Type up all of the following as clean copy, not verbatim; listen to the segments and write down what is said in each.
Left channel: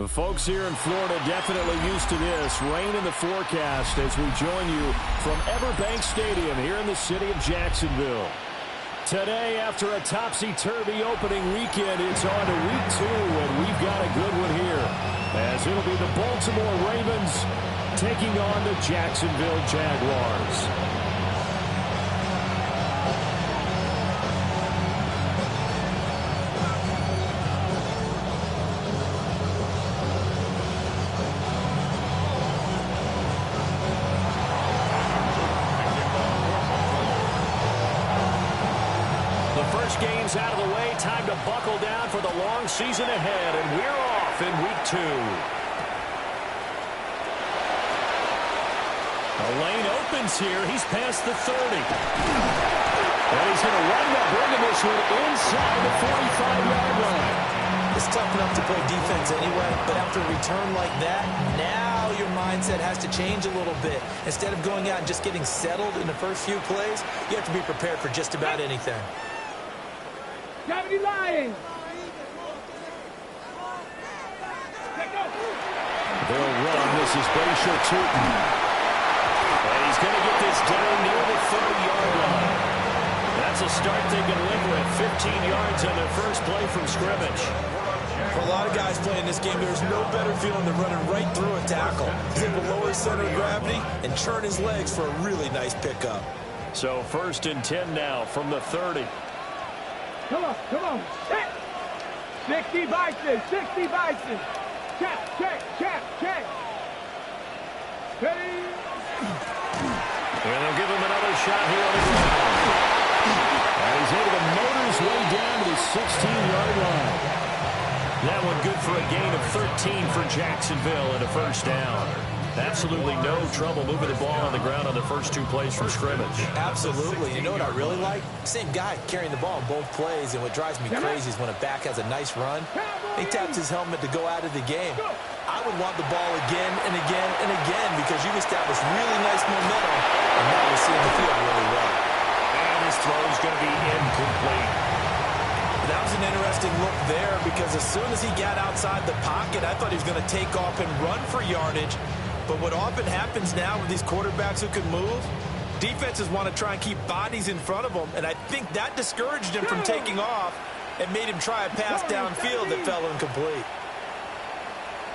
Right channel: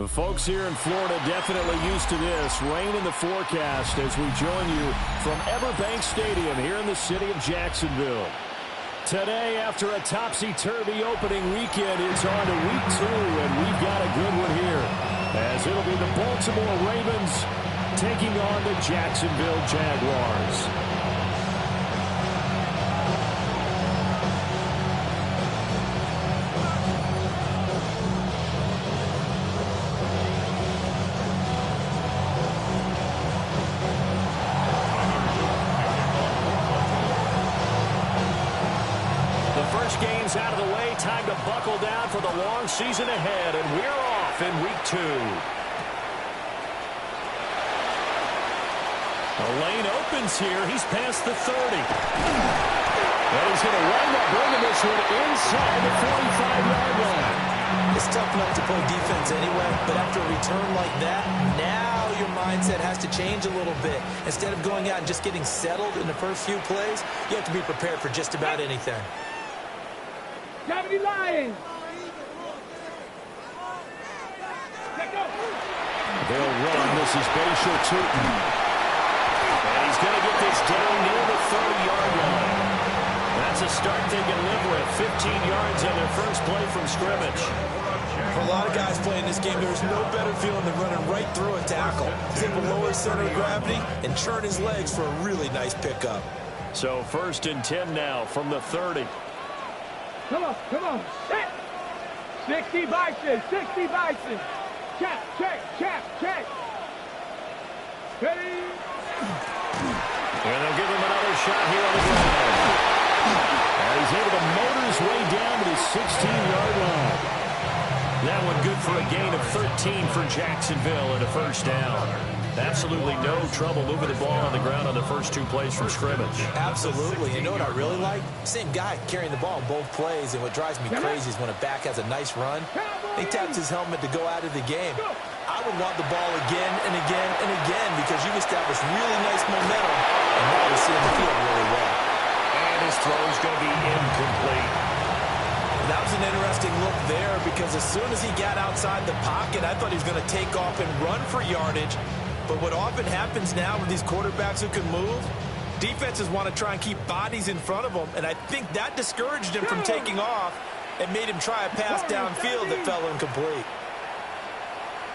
The folks here in Florida definitely used to this. Rain in the forecast as we join you from Everbank Stadium here in the city of Jacksonville. Today, after a topsy-turvy opening weekend, it's on to week 2, and we've got a good one here, as it'll be the Baltimore Ravens taking on the Jacksonville Jaguars. Games out of the way, time to buckle down for the long season ahead, and we're off in week 2. The lane opens here. He's past the 30. And he's going to wind up bringing this one inside the 45-yard line. It's tough enough to play defense anyway, but after a return like that, now your mindset has to change a little bit. Instead of going out and just getting settled in the first few plays, you have to be prepared for just about anything. 70 Lions. They'll run. This is Bashir Tootin. And he's going to get this down near the 30-yard line. That's a start they can live with. 15 yards on their first play from scrimmage. For a lot of guys playing this game, there's no better feeling than running right through a tackle. He's able to lower his center of gravity and churn his legs for a really nice pickup. So 1st and 10 now from the 30. Come on, come on. Set. 60 Bison, 60 Bison. Check, check, check, check. Ready. And they'll give him another shot here on the ground. And he's able to motor his way down to the 16-yard line. That one good for a gain of 13 for Jacksonville and a first down. Absolutely no trouble moving the ball on the ground on the first 2 plays from scrimmage. Absolutely. You know what I really like? Same guy carrying the ball in both plays, and what drives me crazy is when a back has a nice run, he taps his helmet to go out of the game. I would want the ball again and again and again because you've established really nice momentum, and now you're seeing the field really well. And his throw is going to be incomplete. That was an interesting look there because as soon as he got outside the pocket, I thought he was going to take off and run for yardage. But what often happens now with these quarterbacks who can move, defenses want to try and keep bodies in front of them, and I think that discouraged him from taking off and made him try a pass downfield that fell incomplete.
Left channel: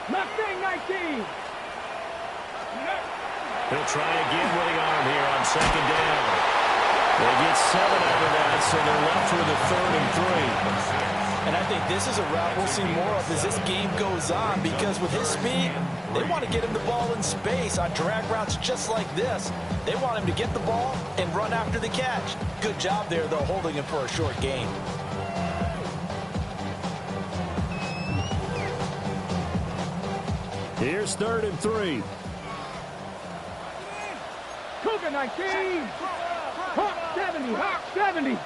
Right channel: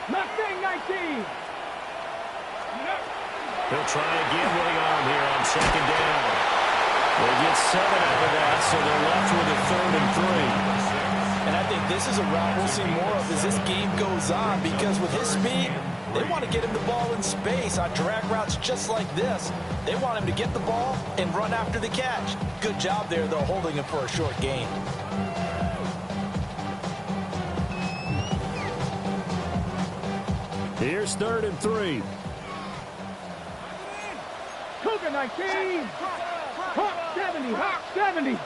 Mustang 19. He'll try again with the arm here on 2nd down. They get 7 out of that, so they're left with a 3rd and 3. And I think this is a route we'll see more of as this game goes on because with his speed, they want to get him the ball in space on drag routes just like this. They want him to get the ball and run after the catch. Good job there, though, holding him for a short gain. Here's 3rd and 3. Cougar 19. Hawk 70. Hawk 70.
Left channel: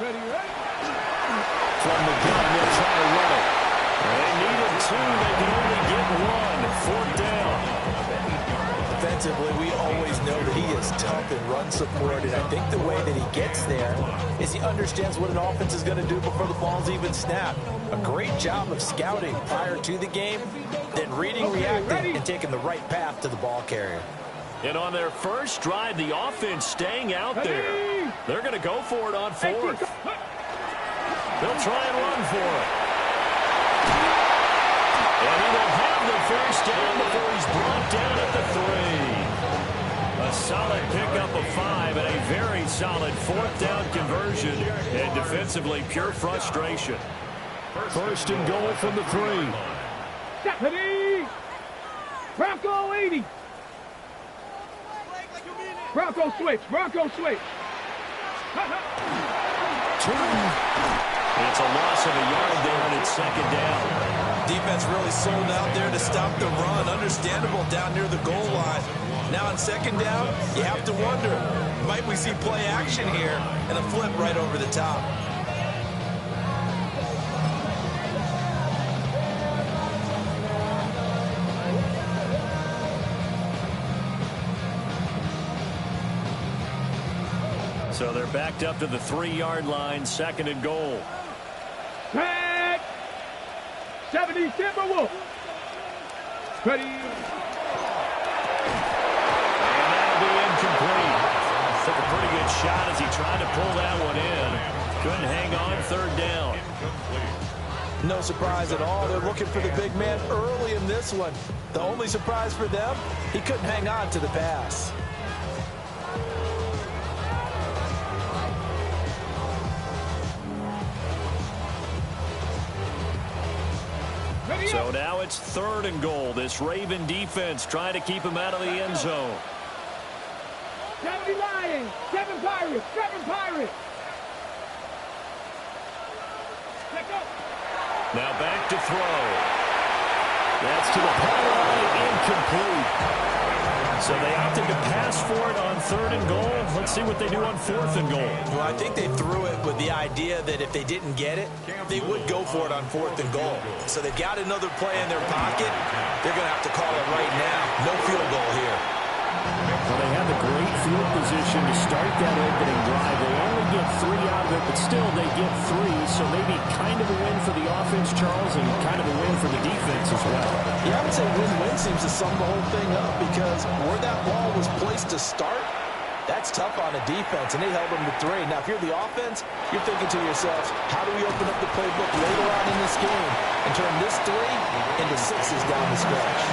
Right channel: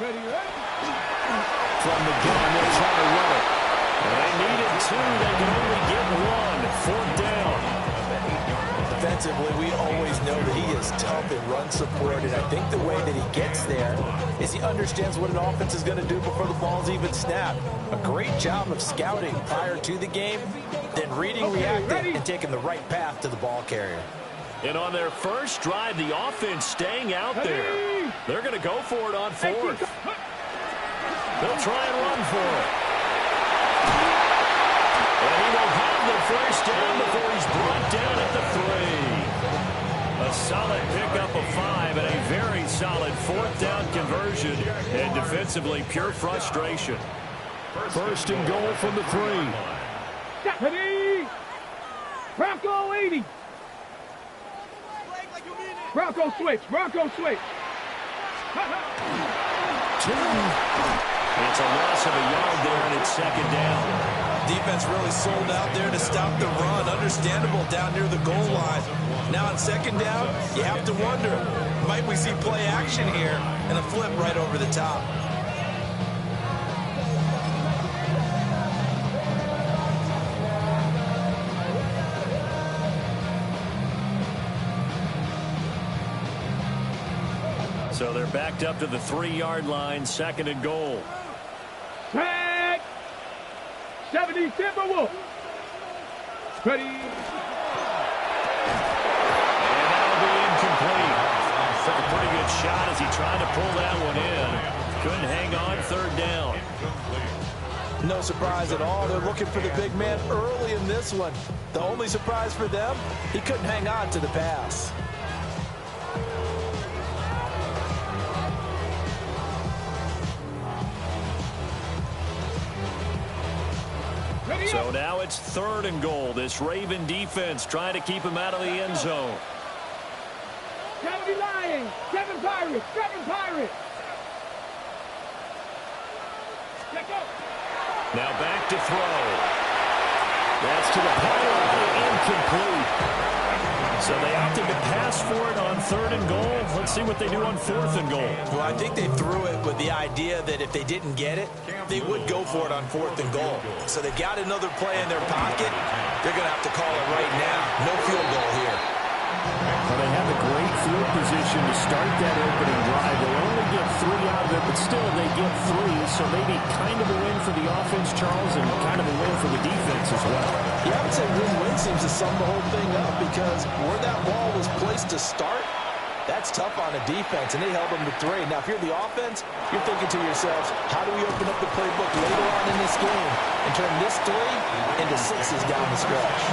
Ready, ready. From the gun, they'll try to run it. They needed 2. They can only get 1. 4th down. Defensively, we always know that he is tough in run support, and I think the way that he gets there is he understands what an offense is going to do before the ball's even snapped. A great job of scouting prior to the game, then reading, reacting, and taking the right path to the ball carrier. And on their first drive, the offense staying out there. They're going to go for it on 4th. They'll try and run for it. And he will have the first down before he's brought down at the 3. A solid pickup of 5 and a very solid 4th down conversion. And defensively, pure frustration. 1st and goal from the 3. Stephanie! Bronco 80. Bronco switch. Bronco switch. 2. It's a loss of a yard there, and it's 2nd down. Defense really sold out there to stop the run. Understandable down near the goal line. Now on 2nd down, you have to wonder, might we see play action here and a flip right over the top? So they're backed up to the 3-yard line, 2nd and goal. Tag. 70 Timberwolves. Ready. And that'll be incomplete. Took a pretty good shot as he tried to pull that one in. Couldn't hang on, third down. No surprise at all. They're looking for the big man early in this one. The only surprise for them, he couldn't hang on to the pass. So now it's 3rd and goal. This Raven defense trying to keep him out of the end zone. 70 Lions, 7 Pirates, 7 Pirates. Check out. Now back to throw. That's to the pylon and incomplete. So they opted to pass for it on 3rd and goal. Let's see what they do on 4th and goal. Well, I think they threw it with the idea that if they didn't get it, they would go for it on 4th and goal. So they've got another play in their pocket. They're going to have to call it right now. No field goal here. Well, they have a great field position to start that opening drive. They only get 3 out of it, but still they get 3. So maybe kind of a win for the offense, Charles, and kind of a win for the defense as well. Yeah, I would say win-win seems to sum the whole thing up because where that ball was placed to start, that's tough on a defense, and they held them to 3. Now, if you're the offense, you're thinking to yourselves, how do we open up the playbook later on in this game and turn this 3 into 6s down the stretch?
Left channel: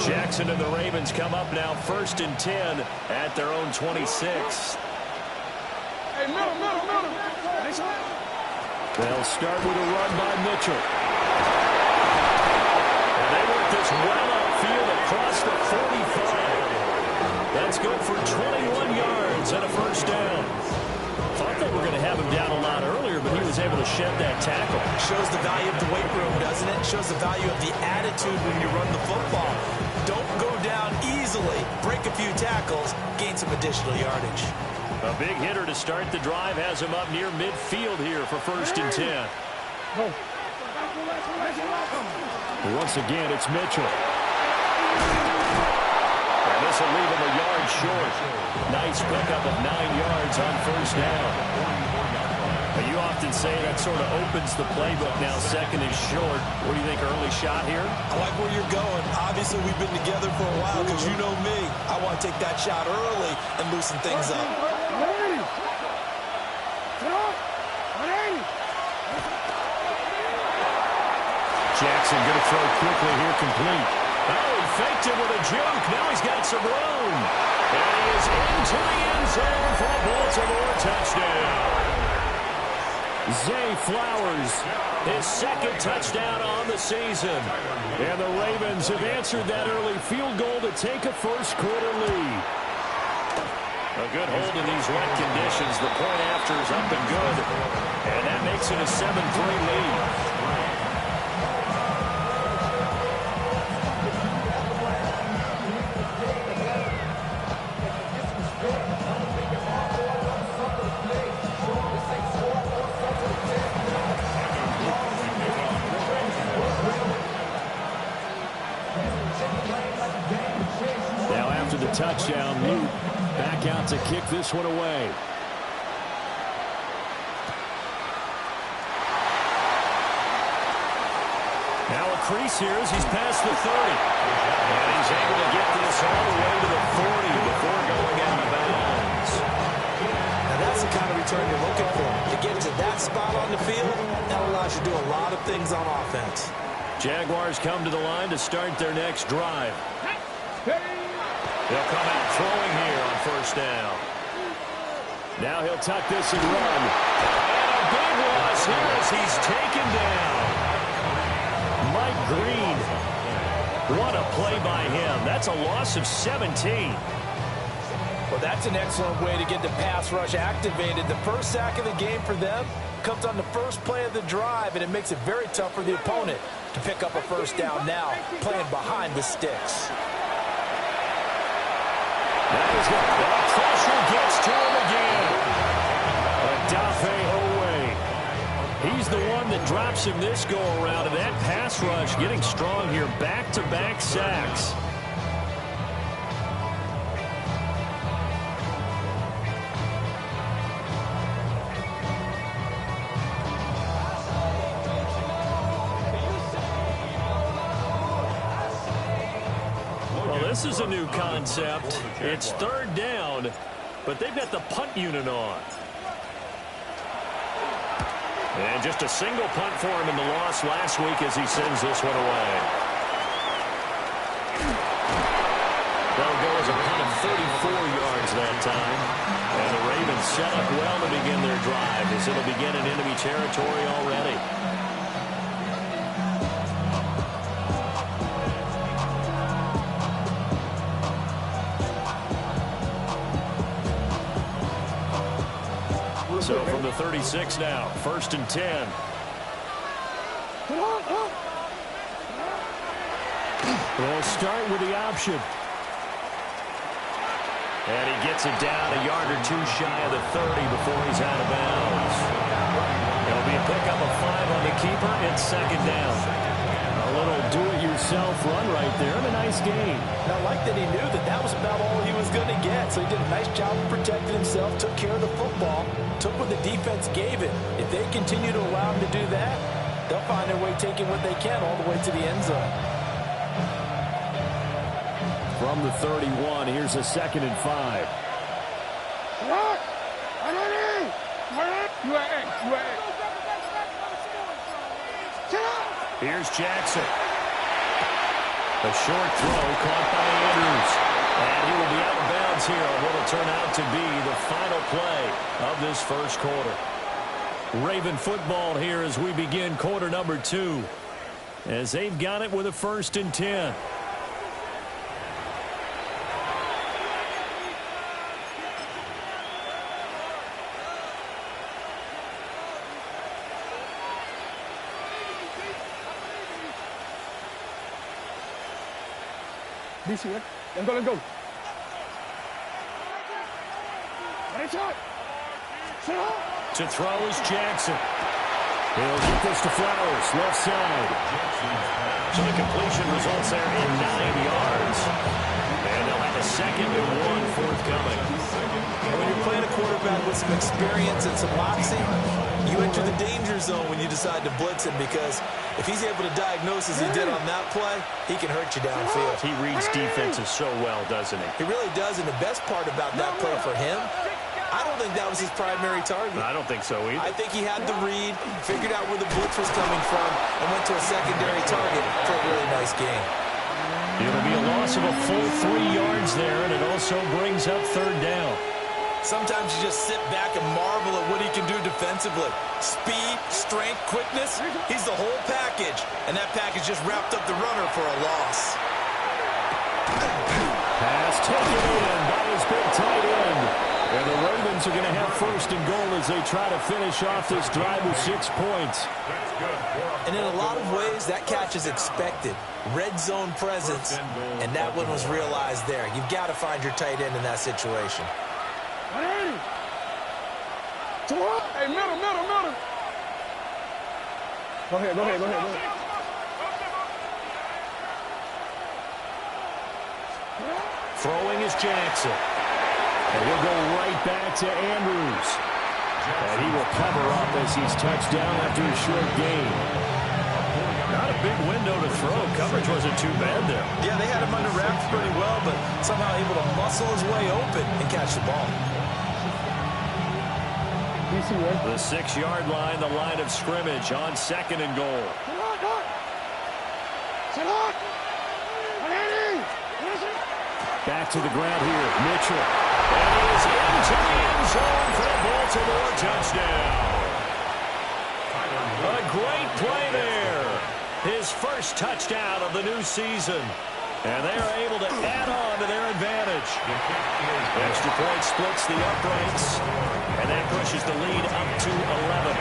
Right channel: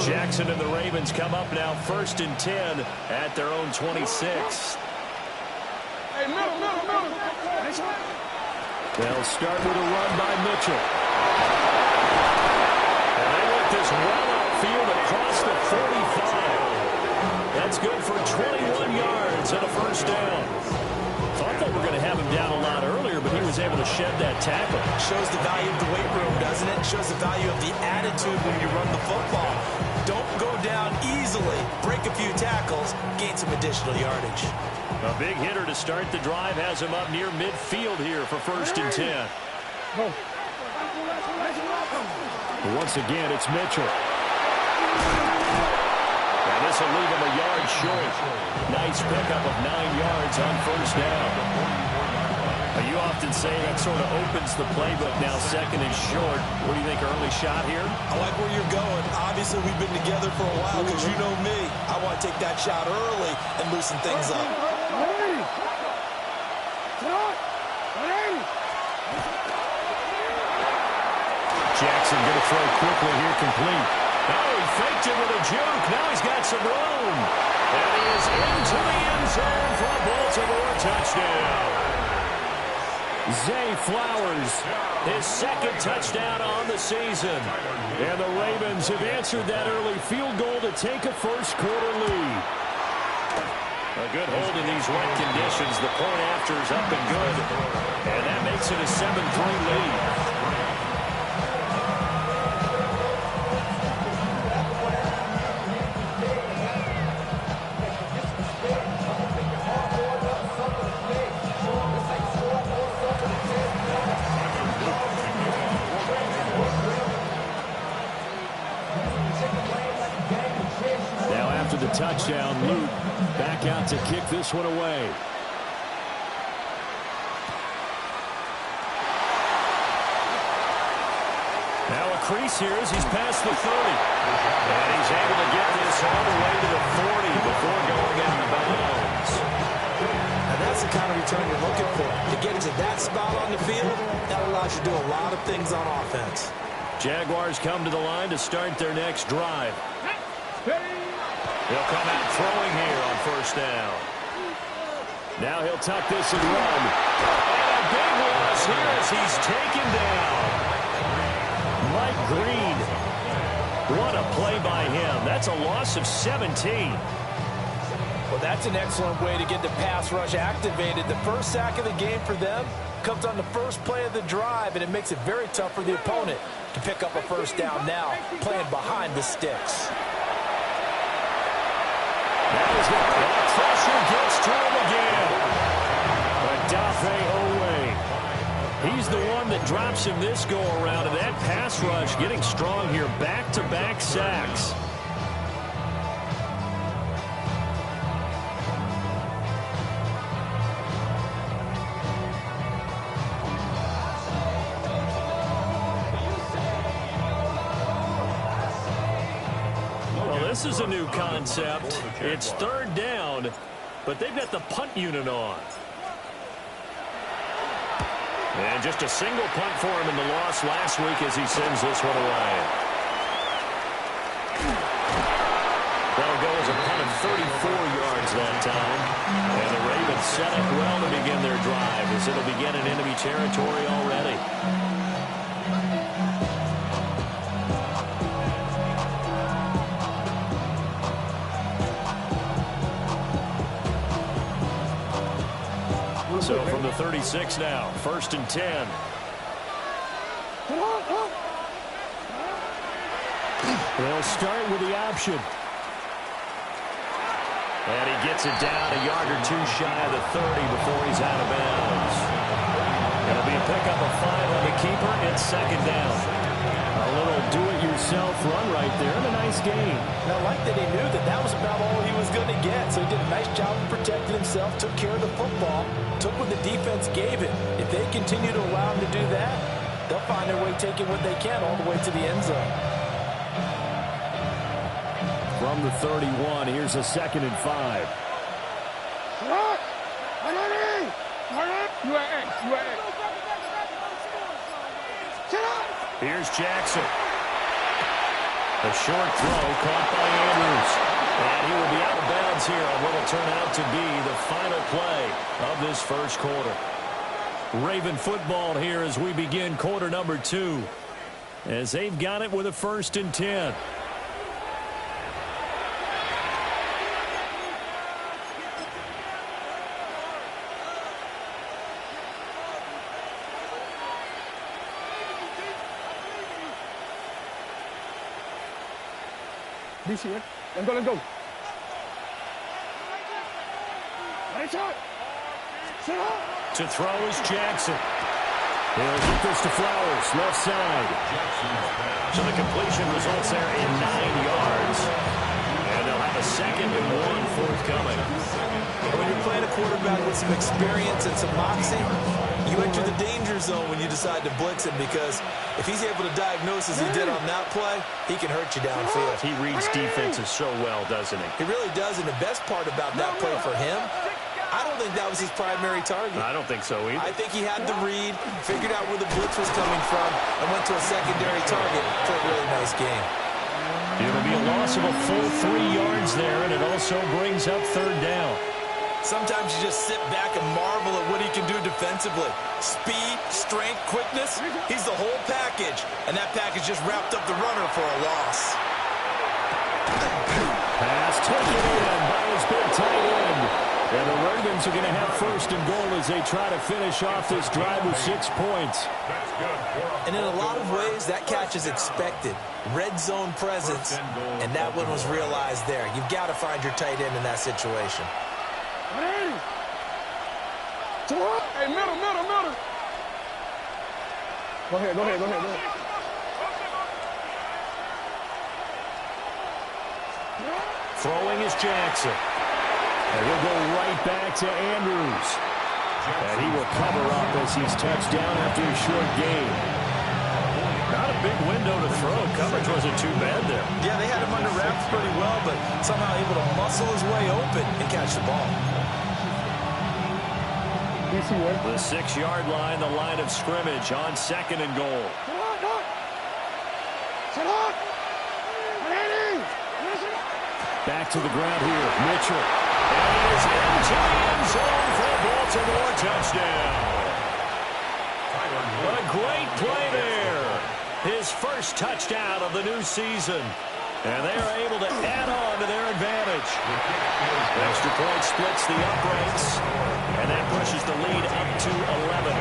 Jackson and the Ravens come up now 1st and 10 at their own 26. Hey, middle. They'll start with a run by Mitchell. And they work this well upfield across the 45. That's good for 21 yards and a first down. Thought they were going to have him down a lot earlier, but he was able to shed that tackle. Shows the value of the weight room, doesn't it? Shows the value of the attitude when you run the football. Don't go down easily. Break a few tackles, gain some additional yardage. A big hitter to start the drive has him up near midfield here for 1st and 10. Once again, it's Mitchell. And this will leave him a yard short. Nice pickup of 9 yards on first down. You often say that sort of opens the playbook now. 2nd and short. What do you think, early shot here? I like where you're going. Obviously, we've been together for a while because you know me. I want to take that shot early and loosen things up. Jackson going to throw quickly here, complete. Oh, he faked it with a juke. Now he's got some room. And he is into the end zone for a Baltimore touchdown. Zay Flowers, his 2nd touchdown on the season. And the Ravens have answered that early field goal to take a first-quarter lead. A good hold in these wet conditions. The point after is up and good. And that makes it a 7-3 lead. The touchdown, Luke back out to kick this one away. Now a crease here as he's past the 30. And he's able to get this all the way to the 40 before going out of bounds. Now that's the kind of return you're looking for. To get into that spot on the field, that allows you to do a lot of things on offense. Jaguars come to the line to start their next drive. He'll come out throwing here on first down. Now he'll tuck this and run. And a big loss here as he's taken down. Mike Green. What a play by him. That's a loss of 17. Well, that's an excellent way to get the pass rush activated. The first sack of the game for them comes on the first play of the drive, and it makes it very tough for the opponent to pick up a first down now, playing behind the sticks. That is good. The pressure gets to him again. Adafe Owe. He's the one that drops him this go-around, and that pass rush getting strong here. Back-to-back sacks. Well, this is a new concept. It's third down, but they've got the punt unit on. And just a single punt for him in the loss last week as he sends this one away. That'll go as a punt of 34 yards that time. And the Ravens set up well to begin their drive as it'll begin in enemy territory already. So from the 36 now, 1st and 10. They'll start with the option. And he gets it down a yard or two shy of the 30 before he's out of bounds. It'll be a pickup of 5 on the keeper. It's 2nd down. A little do-it-yourself run right there and a nice gain. Now, I like that he knew that that was about all he was going to get. So he did a nice job of protecting himself, took care of the football, took what the defense gave him. If they continue to allow him to do that, they'll find their way taking what they can all the way to the end zone. From the 31, here's a 2nd and 5. Here's Jackson. A short throw caught by Andrews. And he will be out of bounds here on what will turn out to be the final play of this first quarter. Raven football here as we begin quarter number 2. As they've got it with a 1st and 10. DC, right? Let's go. To throw is Jackson. He'll get this to Flowers, left side. So the completion results there in 9 yards. And they'll have a 2nd and 1 forthcoming. And when you're playing a quarterback with some experience and some moxie, you enter the danger zone when you decide to blitz him, because if he's able to diagnose as he did on that play, he can hurt you downfield. He reads defenses so well, doesn't he? He really does, and the best part about that play for him, I don't think that was his primary target. I don't think so either. I think he had the read, figured out where the blitz was coming from, and went to a secondary target for a really nice game. It'll be a loss of a full 3 yards there, and it also brings up 3rd down. Sometimes you just sit back and marvel at what he can do defensively. Speed, strength, quickness, he's the whole package. And that package just wrapped up the runner for a loss. Pass taken in by his big tight end. And the Ravens are going to have 1st and goal as they try to finish off this drive with 6 points. And in a lot of ways, that catch is expected. Red zone presence, and that one was realized there. You've got to find your tight end in that situation. Hey, middle. Go ahead. Throwing is Jackson. And he'll go right back to Andrews. And he will cover up as he's touched down after a short gain. Not a big window to throw. Coverage wasn't too bad there. Yeah, they had him under wraps pretty well, but somehow able to muscle his way open and catch the ball. The 6-yard line, the line of scrimmage on 2nd and goal. Back to the ground here, Mitchell. And he is into the end zone for a Baltimore touchdown. A great play there. His first touchdown of the new season. And they are able to add on to their advantage. Extra point splits the uprights. And that pushes the lead up to 11.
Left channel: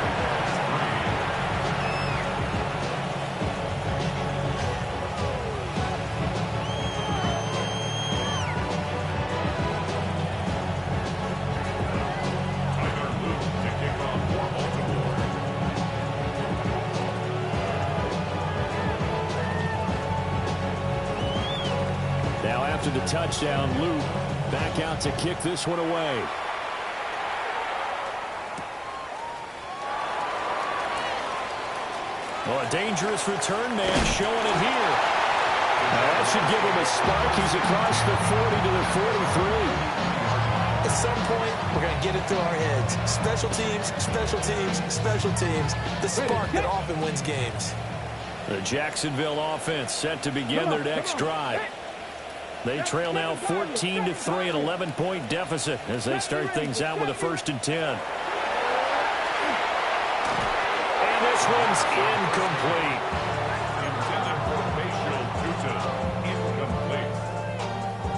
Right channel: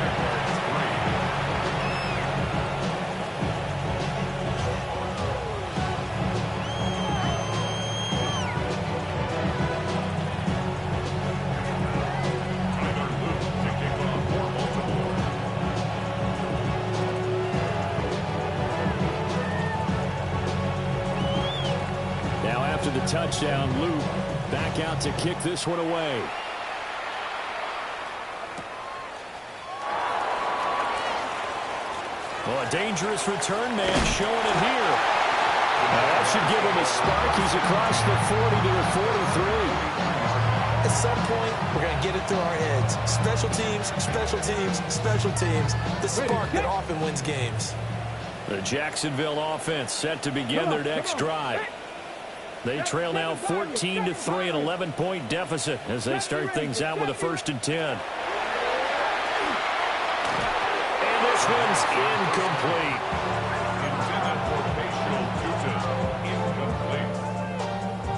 after the touchdown, Luke back out to kick this one away. Well, a dangerous return man showing it here. Now that should give him a spark. He's across the 40 to the 43. At some point, we're going to get it through our heads. Special teams, special teams, special teams. The spark that often wins games. The Jacksonville offense set to begin their next drive. They trail now 14 to 3, an 11-point deficit as they start things out with a 1st and 10. And this one's incomplete. Intended for facial Tuta. Incomplete.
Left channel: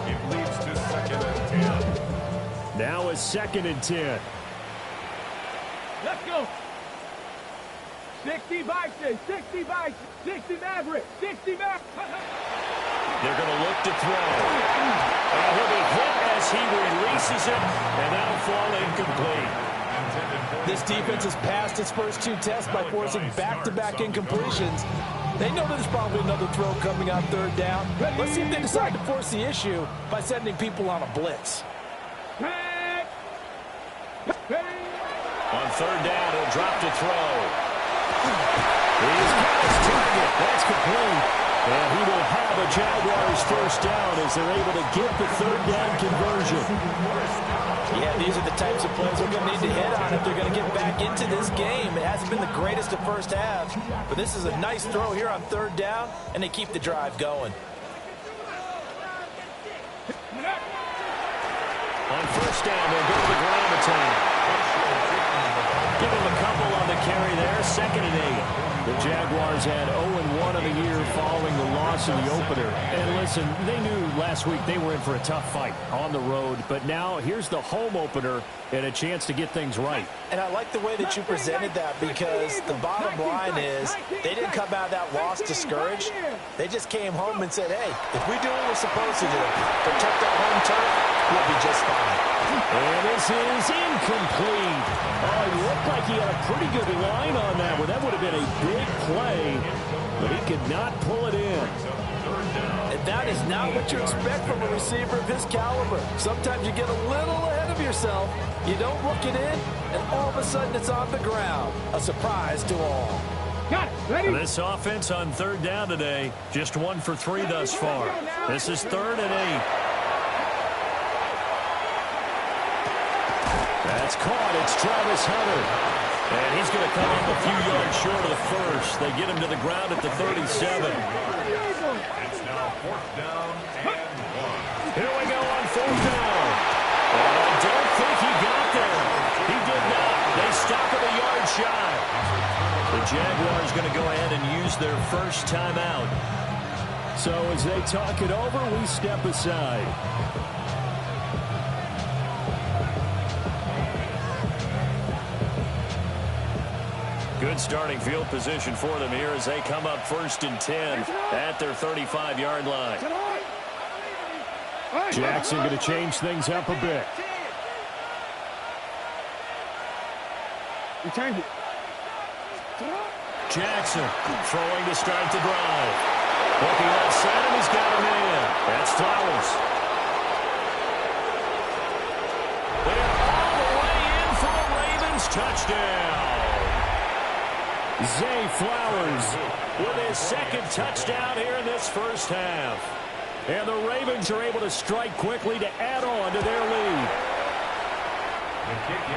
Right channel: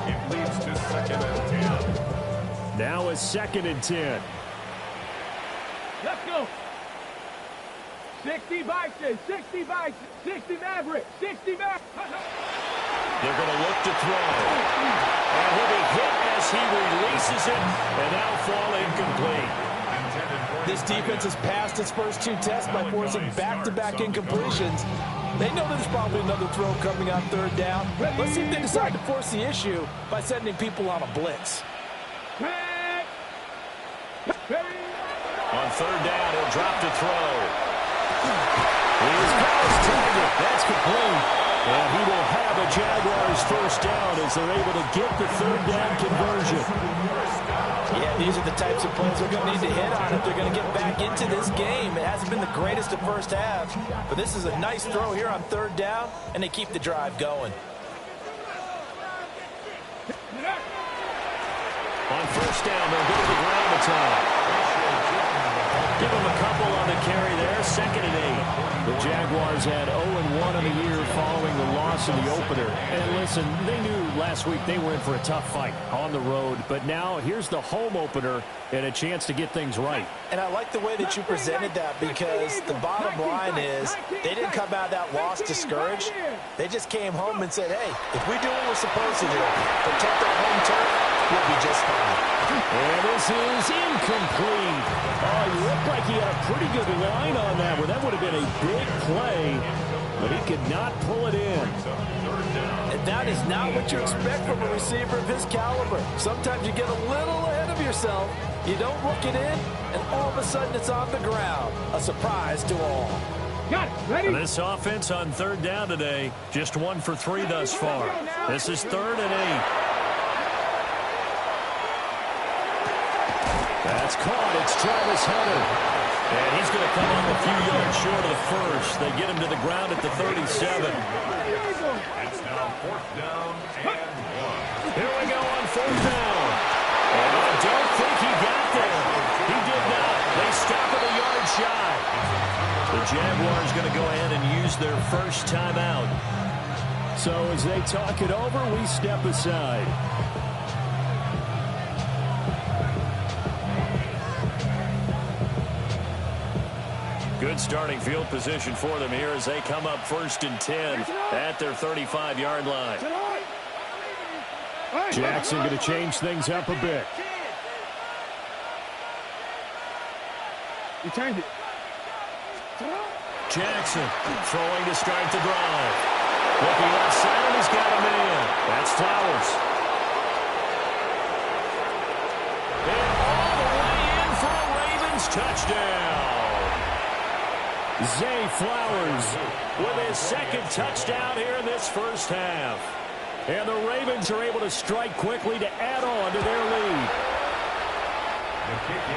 It leads to 2nd and 10. Now a 2nd and 10. Let's go. 60 Bison, 60 Bison, 60 Maverick, 60 Maverick. They're going to look to throw. And he'll be hit as he releases it, and that'll fall incomplete. This defense has passed its first 2 tests by forcing back-to-back incompletions. They know there's probably another throw coming on 3rd down. Let's see if they decide to force the issue by sending people on a blitz. On 3rd down, he'll drop to throw. He's got his target. That's complete. And he will have a Jaguars 1st down as they're able to get the 3rd down conversion. Yeah, these are the types of plays they're going to need to hit on if they're going to get back into this game. It hasn't been the greatest of first halves, but this is a nice throw here on 3rd down, and they keep the drive going. On 1st down, they'll go to the ground attack. Give him a couple on the carry there. 2nd and 8. The Jaguars had 0-1 on the year following the loss in the opener. And listen, they knew last week they were in for a tough fight on the road. But now here's the home opener and a chance to get things right. And I like the way that you presented that, because the bottom line is they didn't come out of that loss discouraged. They just came home and said, hey, if we do what we're supposed to do, protect our home turf, we'll be just fine. And this is incomplete. Oh, he looked like he had a pretty good line on that one. That would have been a big play, but he could not pull it in. And that is not what you expect from a receiver of his caliber. Sometimes you get a little ahead of yourself, you don't look it in, and all of a sudden it's on the ground. A surprise to all. Got it. Ready? And this offense on 3rd down today, just 1 for 3 thus far. This is 3rd and 8. That's caught. It's Travis Hunter. And he's going to come up a few yards short of the 1st. They get him to the ground at the 37. It's now 4th down and 1. Here we go on 4th down. And I don't think he got there. He did not. They stop at a yard shy. The Jaguars going to go ahead and use their first timeout. So as they talk it over, we step aside. Good starting field position for them here as they come up 1st and 10 at their 35-yard line. Jackson going to change things up a bit. You turned it. Jackson throwing to start the drive. Looking left side, and he's got him in. That's Flowers. And all the way in for a Ravens touchdown. Zay Flowers with his 2nd touchdown here in this first half. And the Ravens are able to strike quickly to add on to their lead.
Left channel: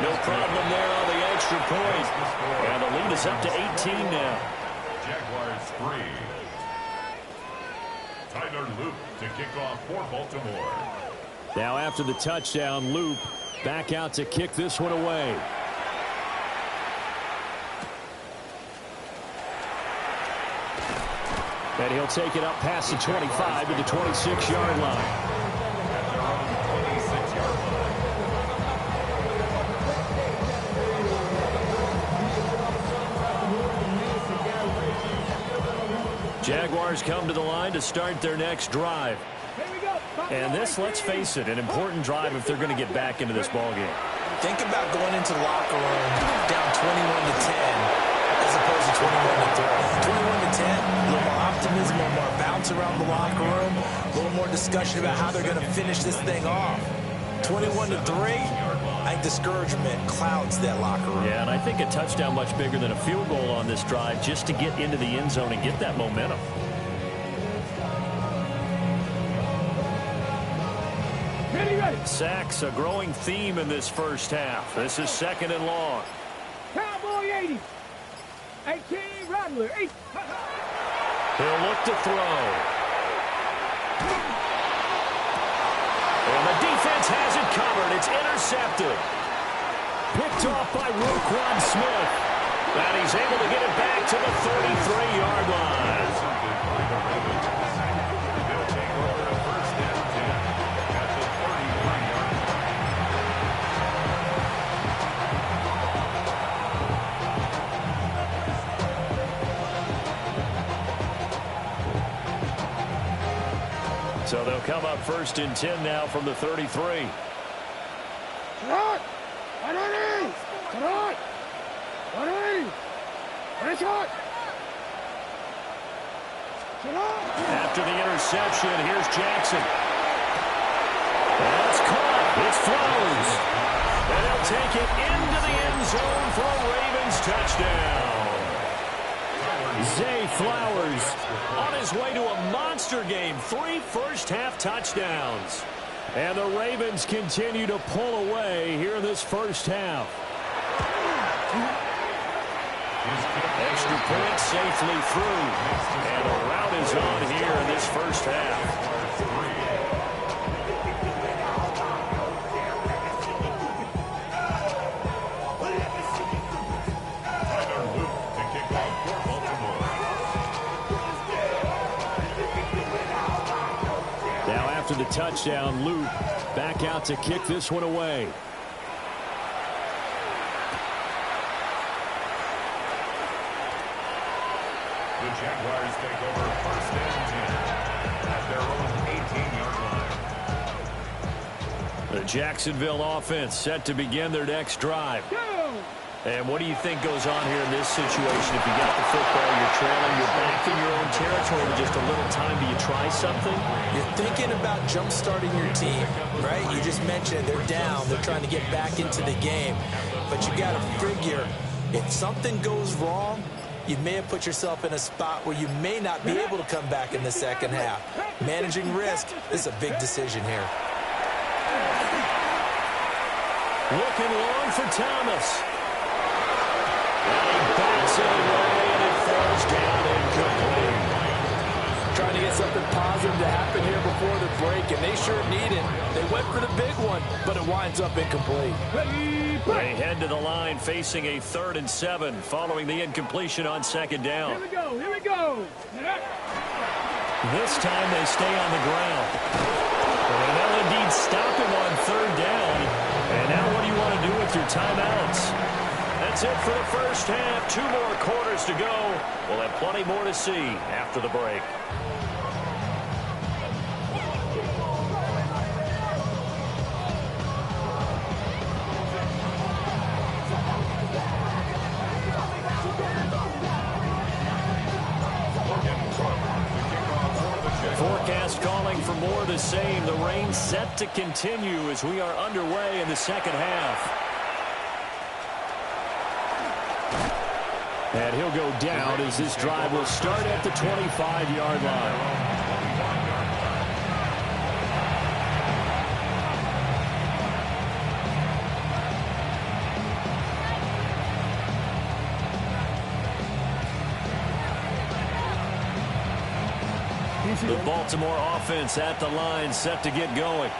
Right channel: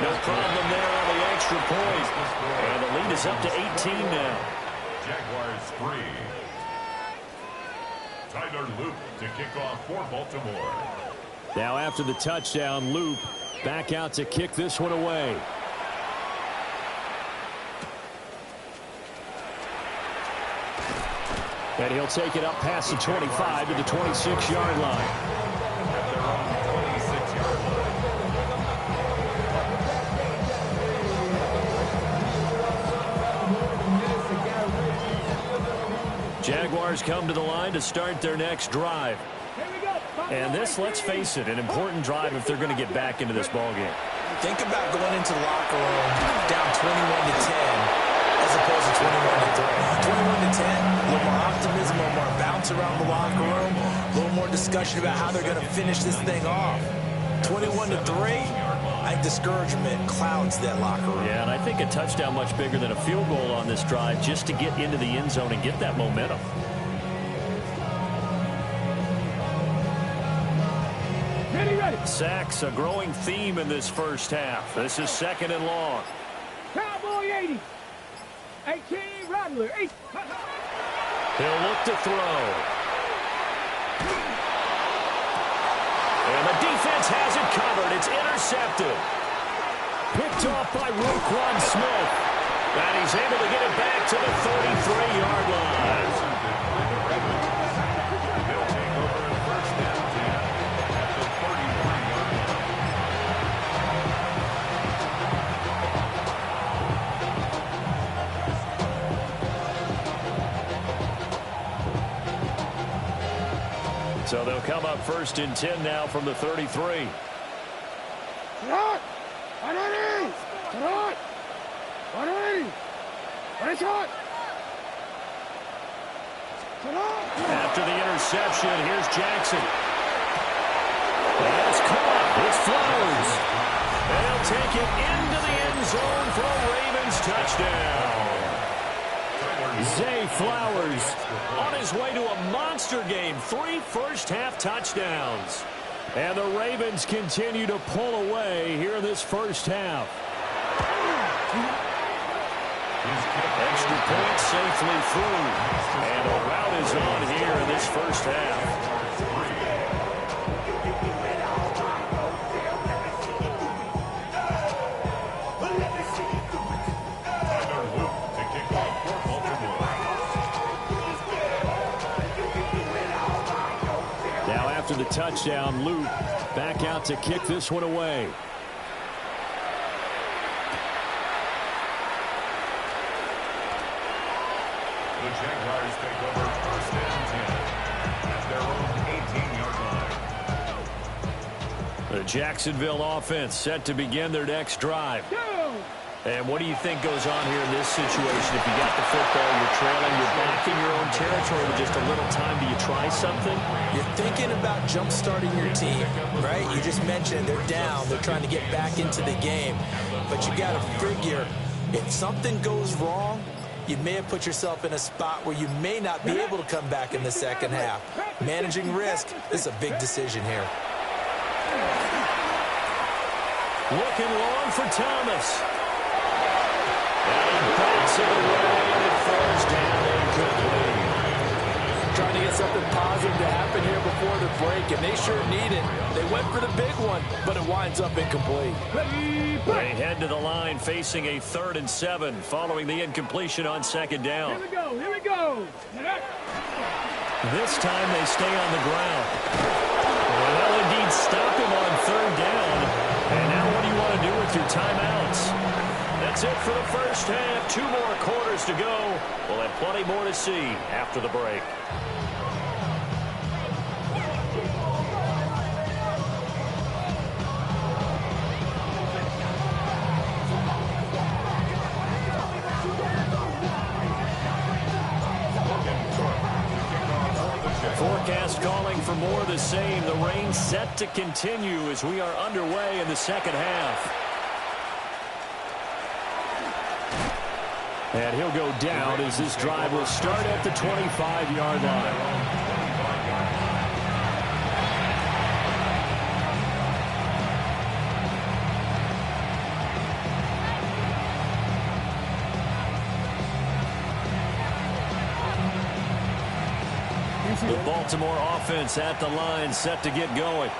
No problem there on the extra point. And the lead is up to 18 now. Jaguars 3. Tyler Loop to kick off for Baltimore. Now after the touchdown, Loop back out to kick this one away. And he'll take it up past the 25 to the 26-yard line. At their own 26-yard line. Jaguars come to the line to start their next drive. And this, let's face it, an important drive if they're going to get back into this ballgame. Think about going into the locker room down 21 to 10. as opposed to 21-3. 21-10, a little more optimism, a little more bounce around the locker room, a little more discussion about how they're going to finish this thing off. 21-3, I think discouragement clouds that locker room. Yeah, and I think a touchdown much bigger than a field goal on this drive just to get into the end zone and get that momentum. Ready. Sacks, a growing theme in this first half. This is 2nd and long. Cowboy 80. 18, Rattler. 8. He'll look to throw. And the defense has it covered. It's intercepted. Picked off by Roquan Smith. And he's able to get it back to the 33-yard line. They'll take over at 1st and 10 at the 33-yard line. So they'll come up 1st and 10 now from the 33. After the interception, here's Jackson. That's caught. It's Flowers. And he'll take it into the end zone for a Ravens touchdown. Zay Flowers on his way to a monster game. 3 first-half touchdowns. And the Ravens continue to pull away here in this first half. Extra point safely through. And a route is on here in this first half. Now after the touchdown, Luke back out to kick this one away. The Jaguars take over 1st and 10 at their own 18-yard line. The Jacksonville offense set to begin their next drive. And what do you think goes on here in this situation? If you got the football, you're trailing, you're back in your own territory with just a little time. Do you try something? You're thinking about jump-starting your team, right? You just mentioned they're down. They're trying to get back into the game. But you got to figure if something goes wrong, you may have put yourself in a spot where you may not be able to come back in the second half. Managing risk, this is a big decision here. Looking long for Thomas. And he backs it away, and it falls down incomplete. Trying to get something positive to happen here before the break, and they sure need it. They went for the big one, but it winds up incomplete. They head to the line facing a 3rd and 7 following the incompletion on 2nd down. Here we go. This time they stay on the ground. And they'll indeed stop him on 3rd down. And now what do you want to do with your timeouts? That's it for the first half. 2 more quarters to go. We'll have plenty more to see after the break. Forecast calling for more of the same. The rain set to continue as we are underway in the second half. And he'll go down as this drive will start at the 25-yard line. The Baltimore offense at the line, set to get going.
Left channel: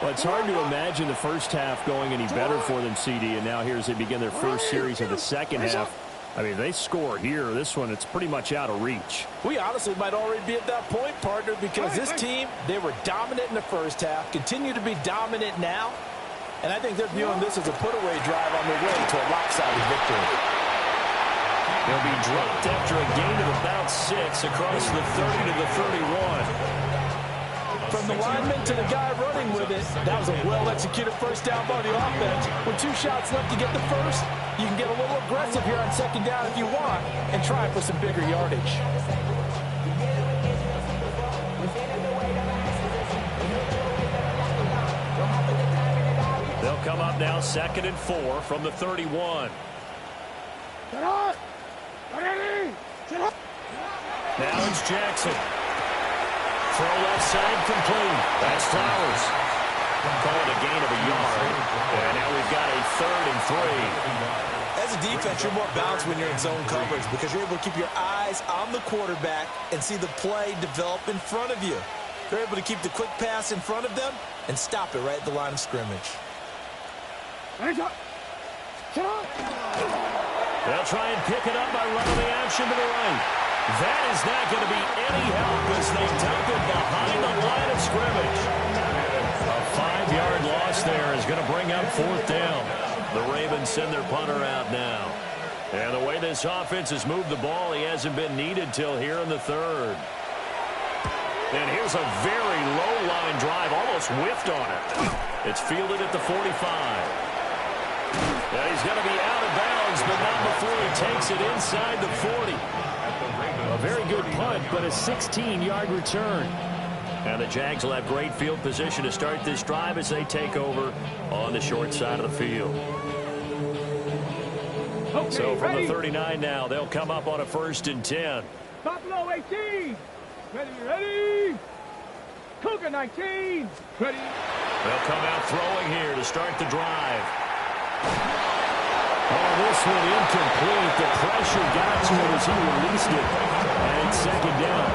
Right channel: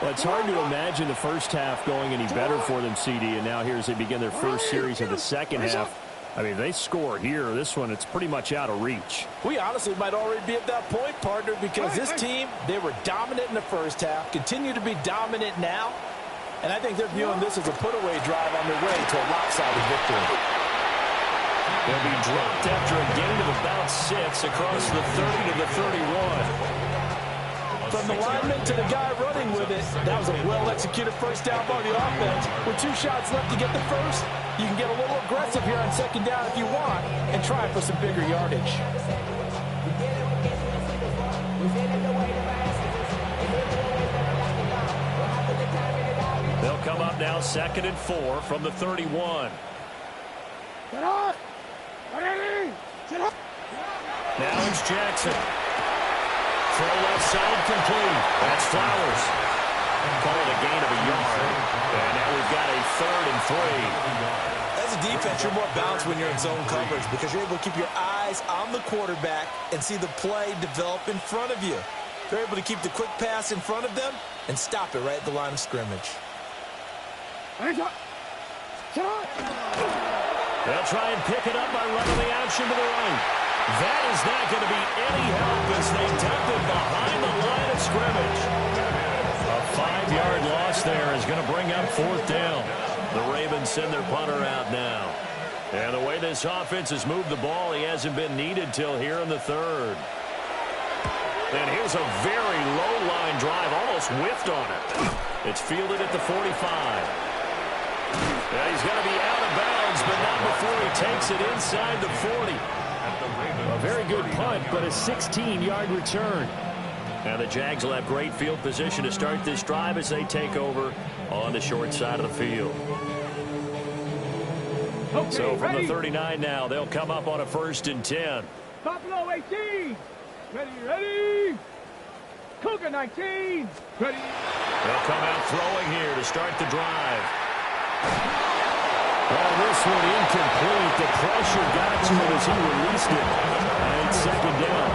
Well, it's hard to imagine the first half going any better for them, CD, and now here as they begin their first series of the second half. I mean, they score here. This one, it's pretty much out of reach. We honestly might already be at that point, partner, because this team, they were dominant in the first half, continue to be dominant now, and I think they're viewing this as a put-away drive on their way to a lopsided victory. He'll be dropped after a gain of about 6 across the 30 to the 31. A From the lineman to the guy running with it, that was a well-executed first down by the offense. With 2 shots left to get the first, you can get a little aggressive here on second down if you want and try for some bigger yardage. They'll come up now 2nd and 4 from the 31. Now it's Jackson. Throw left side complete. That's Flowers. Call it a gain of a yard. And now we've got a 3rd and 3. As a defense, you're more balanced when you're in zone coverage because you're able to keep your eyes on the quarterback and see the play develop in front of you. You're able to keep the quick pass in front of them and stop it right at the line of scrimmage. They'll try and pick it up by running the option to the right. That is not going to be any help as they dump it behind the line of scrimmage. A 5-yard loss there is going to bring up 4th down. The Ravens send their punter out now. And the way this offense has moved the ball, he hasn't been needed till here in the 3rd. And here's a very low line drive, almost whiffed on it. It's fielded at the 45. Yeah, he's going to be out of bounds, but not before he takes it inside the 40. A very good punt, but a 16-yard return. And the Jags will have great field position to start this drive as they take over on the short side of the field. Okay, So from ready? the 39 now, they'll come up on a 1st and 10. Buffalo 18. Ready. Cougar 19. Ready. They'll come out throwing here to start the drive. Oh, this one incomplete. The pressure got to him as he released it. And it's 2nd down.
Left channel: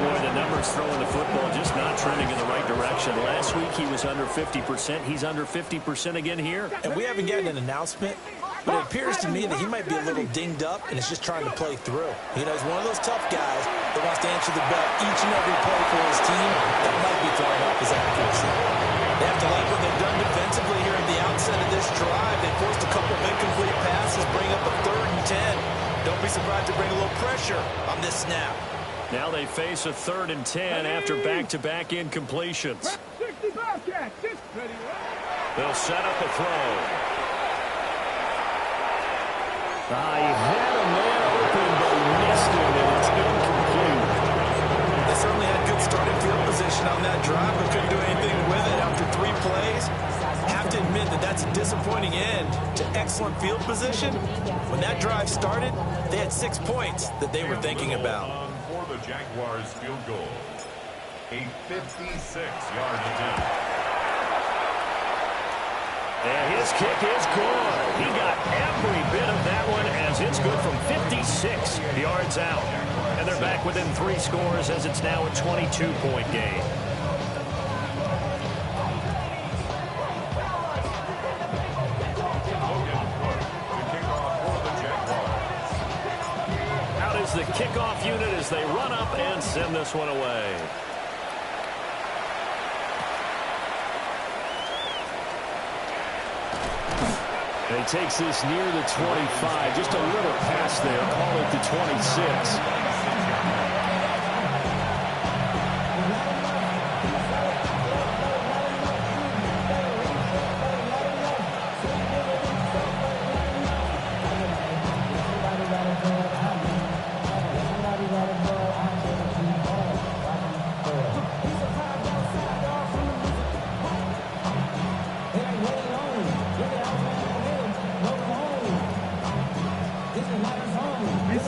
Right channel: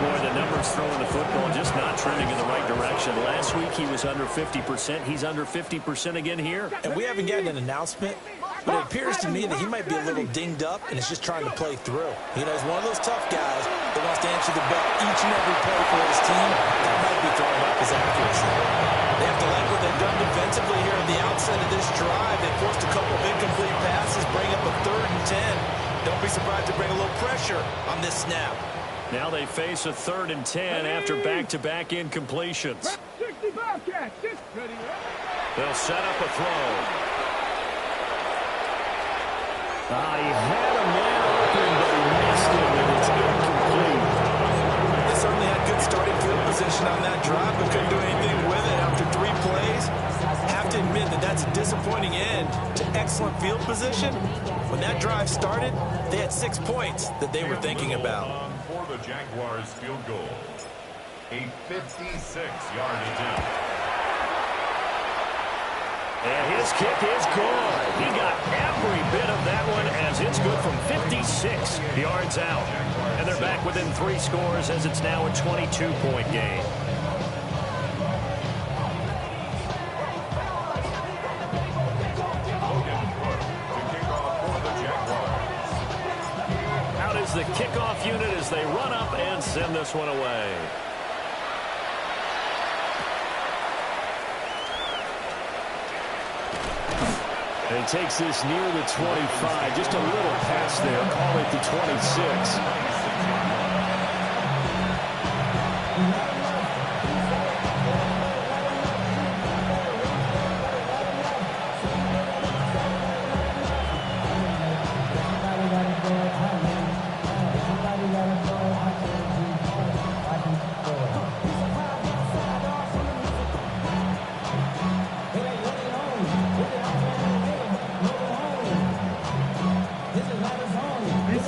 Boy, the numbers throwing the football just not trending in the right direction. Last week he was under 50%. He's under 50% again here. And we haven't gotten an announcement, but it appears to me that he might be a little dinged up and is just trying to play through. You know, he's one of those tough guys that wants to answer the bell each and every play for his team. That might be throwing off his accuracy. They have to like what they've done defensively here at the outset of this drive. They forced a couple of incomplete passes, bring up a 3rd and 10. Don't be surprised to bring a little pressure on this snap. Now they face a 3rd and 10 after back-to-back incompletions. 65 catch. Ready. They'll set up a throw. He had a man open, but he missed him, and it's incomplete. They certainly had good starting field position on that drive, but couldn't do anything with it after 3 plays. I have to admit that that's a disappointing end to excellent field position. When that drive started, they had 6 points that they were thinking about. For the Jaguars field goal, a 56-yard attempt. And his kick is good. He got every bit of that one as it's good from 56 yards out. And they're back within 3 scores as it's now a 22-point game. Out is the kickoff unit as they run up and send this one away. And he takes this near the 25. Just a little pass there. Call it the 26.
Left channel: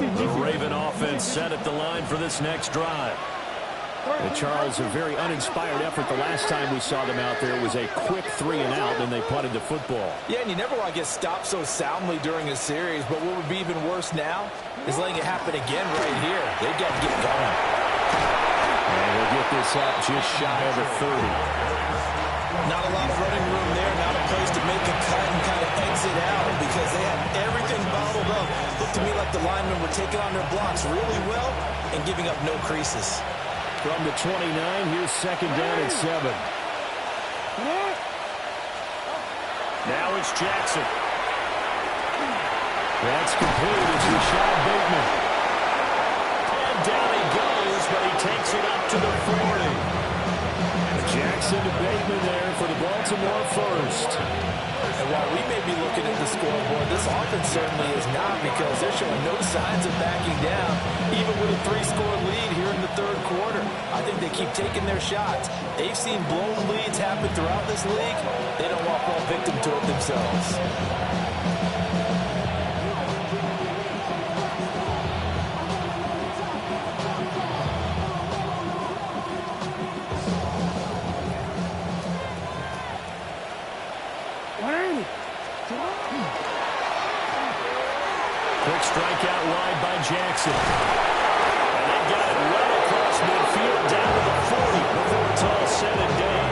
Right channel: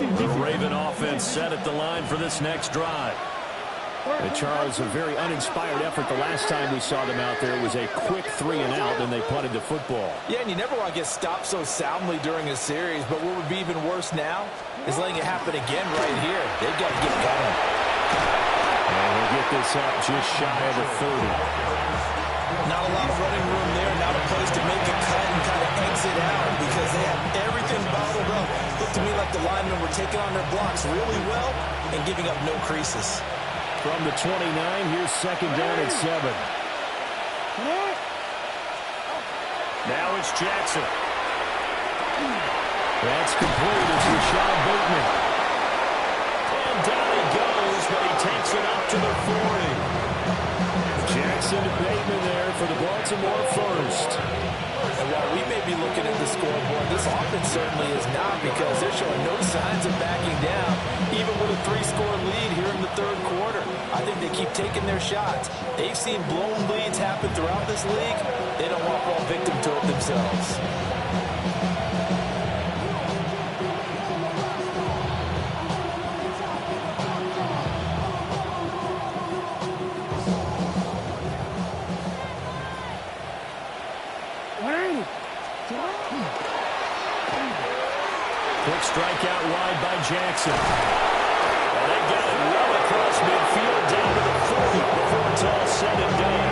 The Raven offense set at the line for this next drive. And Charles, a very uninspired effort the last time we saw them out there. It was a quick 3 and out, then they punted the football. Yeah, and you never want to get stopped so soundly during a series, but what would be even worse now is letting it happen again right here. They've got to get going. And we'll get this up just shy of the 30. Not a lot of running room there, not a place to make a cut and kind of exit out because they had everything bottled up. Looked to me like the linemen were taking on their blocks really well and giving up no creases. From the 29, here's 2nd down and 7. Now it's Jackson. That's complete. It's Rashad Bateman. And down he goes, but he takes it up to the 40. Jackson to Bateman there for the Baltimore first. And while we may be looking at the scoreboard, this offense certainly is not, because they're showing no signs of backing down, even with a 3-score lead here in the third quarter. I think they keep taking their shots. They've seen blown leads happen throughout this league. They don't want to fall victim to it themselves. Quick strikeout wide by Jackson. And they got it well across midfield down to the 40 before it's all said and done.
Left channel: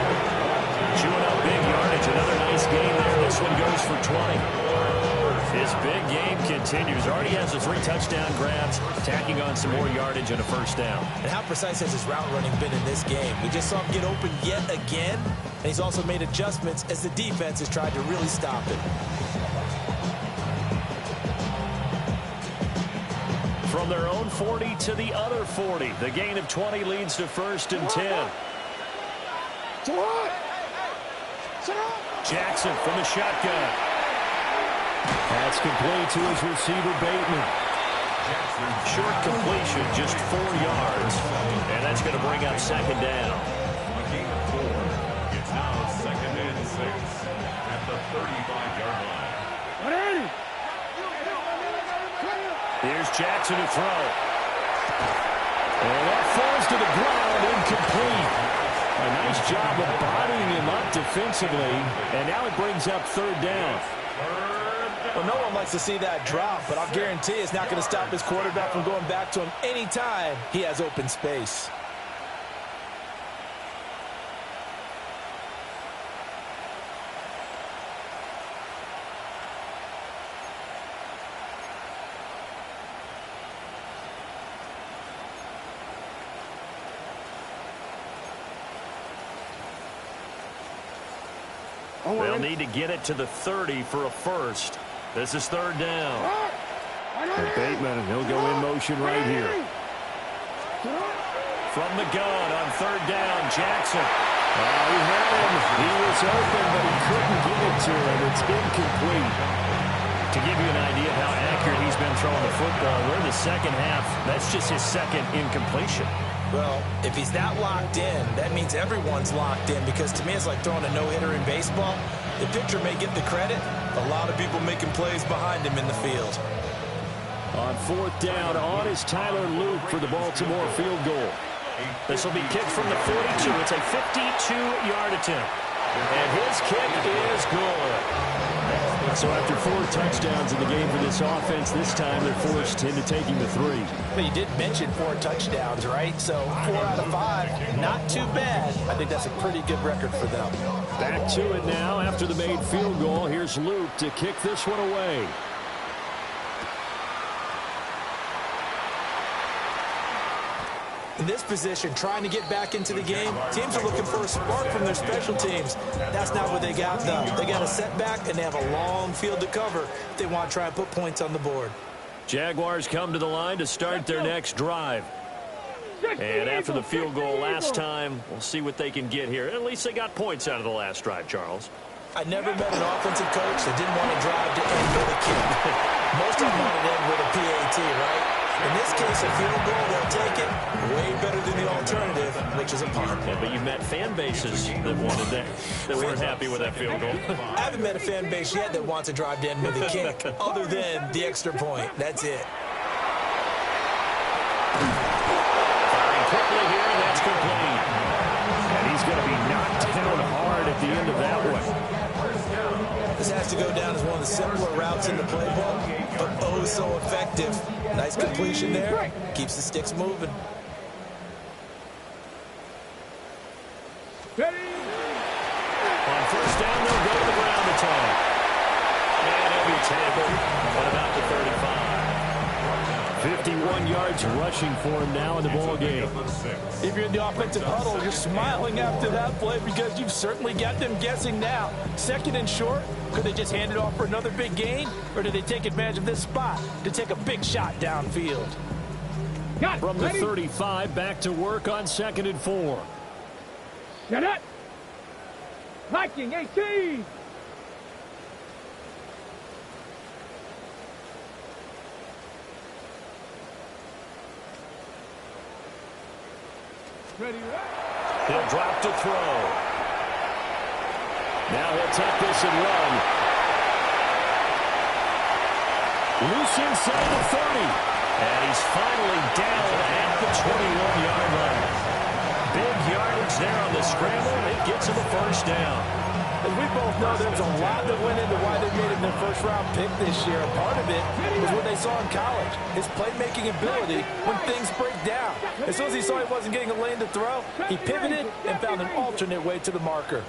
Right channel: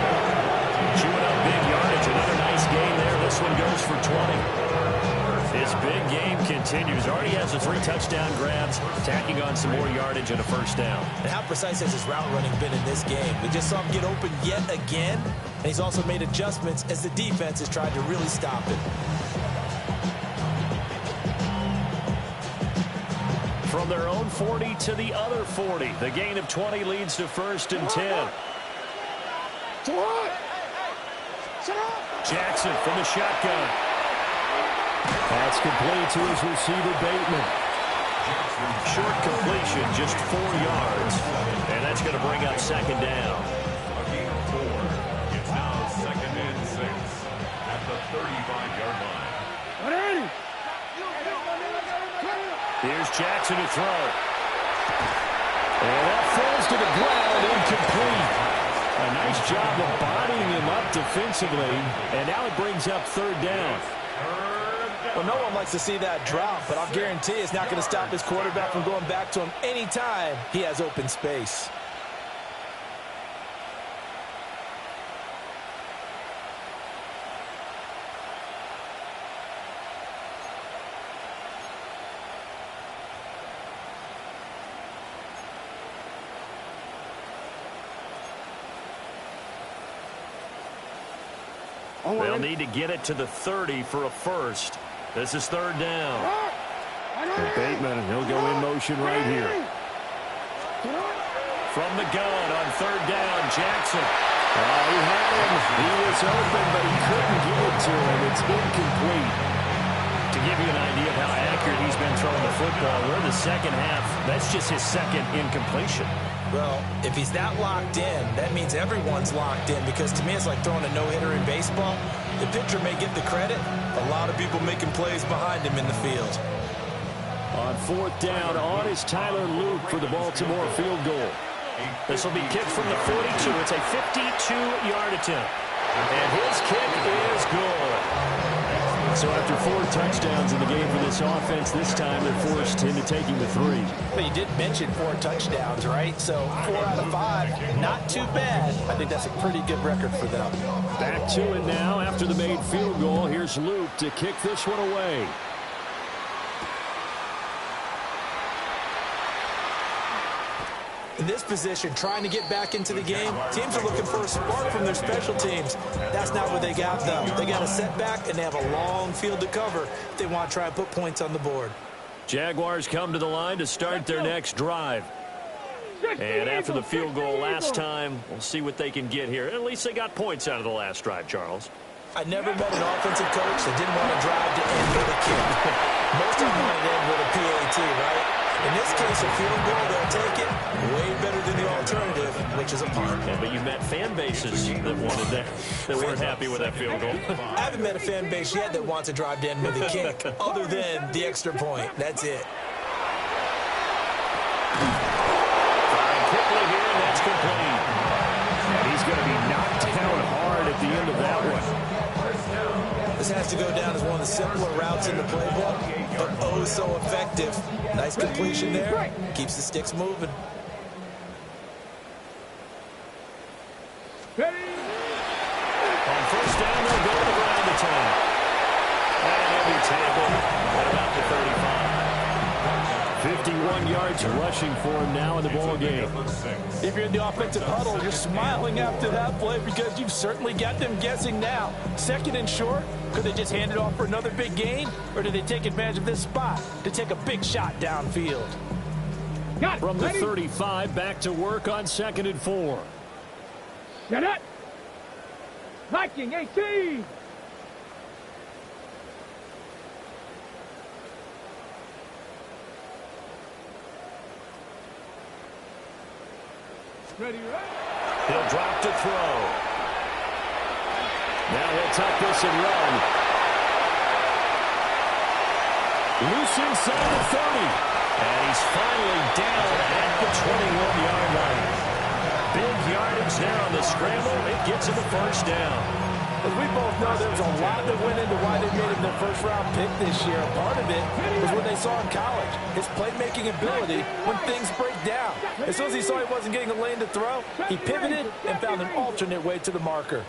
Chewing up big yardage. Another nice game there. This one goes for 20. His big game continues. Already has the 3 touchdown grabs, tacking on some more yardage and a first down. And how precise has his route running been in this game? We just saw him get open yet again, and he's also made adjustments as the defense has tried to really stop him. From their own 40 to the other 40. The gain of 20 leads to 1st and 10. Jackson from the shotgun. That's complete to his receiver, Bateman. Short completion, just 4 yards. And that's going to bring up 2nd down. A gain of 4. It's now 2nd and 6 at the 35-yard line. Here's Jackson to throw. And that falls to the ground, incomplete. A nice job of bodying him up defensively. And now it brings up 3rd down. Well, no one likes to see that drop, but I'll guarantee it's not going to stop his quarterback from going back to him anytime he has open space. They'll need to get it to the 30 for a first. This is 3rd down. And Bateman, he'll go in motion right here. From the gun on 3rd down, Jackson. He had him. He was open, but he couldn't get it to him. It's incomplete. To give you an idea of how accurate he's been throwing the football, we're in the second half. That's just his 2nd incompletion. Well, if he's that locked in, that means everyone's locked in, because to me it's like throwing a no-hitter in baseball. The pitcher may get the credit. A lot of people making plays behind him in the field. On 4th down, on is Tyler Luke for the Baltimore field goal. This will be kicked from the 42. It's a 52-yard attempt. And his kick is good. So after 4 touchdowns in the game for this offense, this time they're forced into taking the 3. But you did mention 4 touchdowns, right? So 4 out of 5, not too bad. I think that's a pretty good record for them. Back to it now after the made field goal. Here's Luke to kick this one away. In this position, trying to get back into the game, teams are looking for a spark from their special teams. That's not what they got, though. They got a setback, and they have a long field to cover if they want to try and put points on the board. Jaguars come to the line to start their next drive. And after the field goal last time, we'll see what they can get here. At least they got points out of the last drive, Charles. I never met an offensive coach that didn't want to drive to end with a kick. Most of them wanted to end with a PAT, right? In this case, a field goal, they'll take it. Way better than the alternative, which is a punt. Yeah, but you've met fan bases that wanted that weren't happy with that field goal. I haven't met a fan base yet that wants to drive to end with a kick, other than the extra point. That's it. Firing quickly here, and that's complete. And he's going to be knocked down hard at the end of that one. This has to go down as one of the simpler routes in the playbook, but oh so effective. Nice completion there. Keeps the sticks moving. On 1st down, they'll go to the ground attack. And he'll be tackled at about the 35. 51 yards rushing for him now in the ball game. If you're in the offensive huddle, you're smiling after that play because you've certainly got them guessing now. 2nd and short, could they just hand it off for another big gain? Or do they take advantage of this spot to take a big shot downfield? From the 35, back to work on 2nd and 4. Set up. Viking 18. Ready, right? He'll drop to throw. Now he'll tuck this and run. Loose inside the 30. And he's finally down at the 21-yard line. Big yardage there on the scramble. It gets him a first down. As we both know, there's a lot that went into why they made him their first-round pick this year. Part of it was what they saw in college, his playmaking ability when things break down. As soon as he saw he wasn't getting a lane to throw, he pivoted and found an alternate way to the marker.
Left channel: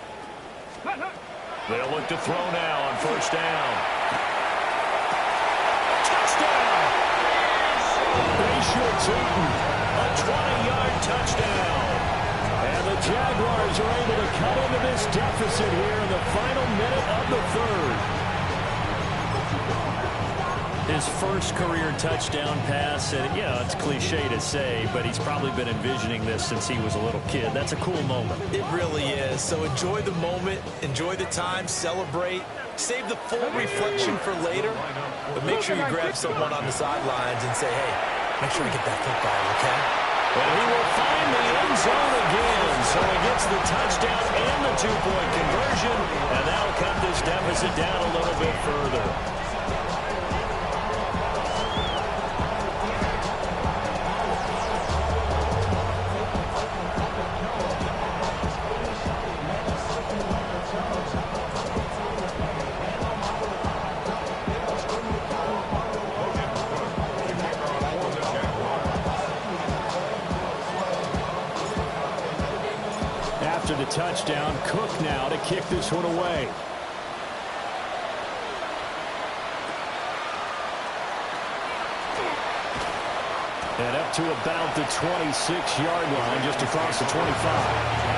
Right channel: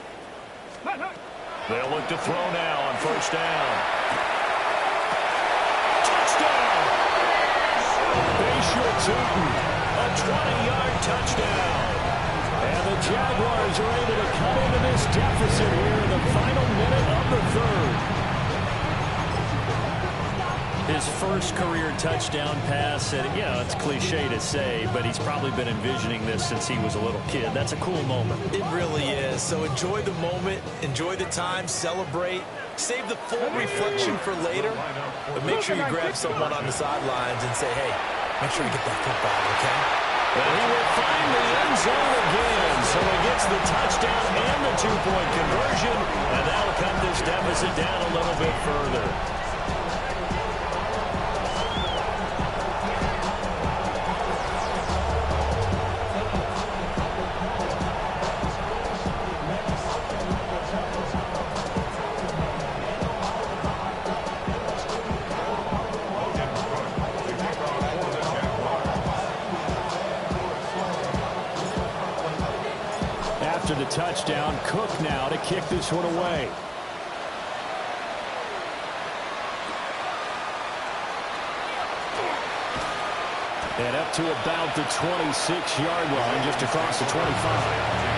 They'll look to throw now on first down. Touchdown! Bayshore Tootin, a 20-yard touchdown. And the Jaguars are able to cut into this deficit here in the final minute of the third. His first career touchdown pass, and yeah, it's cliche to say, but he's probably been envisioning this since he was a little kid. That's a cool moment. It really is. So enjoy the moment, enjoy the time, celebrate, save the full reflection for later, but make sure you grab someone on the sidelines and say, hey, make sure you get that football, okay? And he will find the end zone again. So he gets the touchdown and the two-point conversion, and that'll cut this deficit down a little bit further. After the touchdown, Cook now to kick this one away. And up to about the 26-yard line, just across the 25.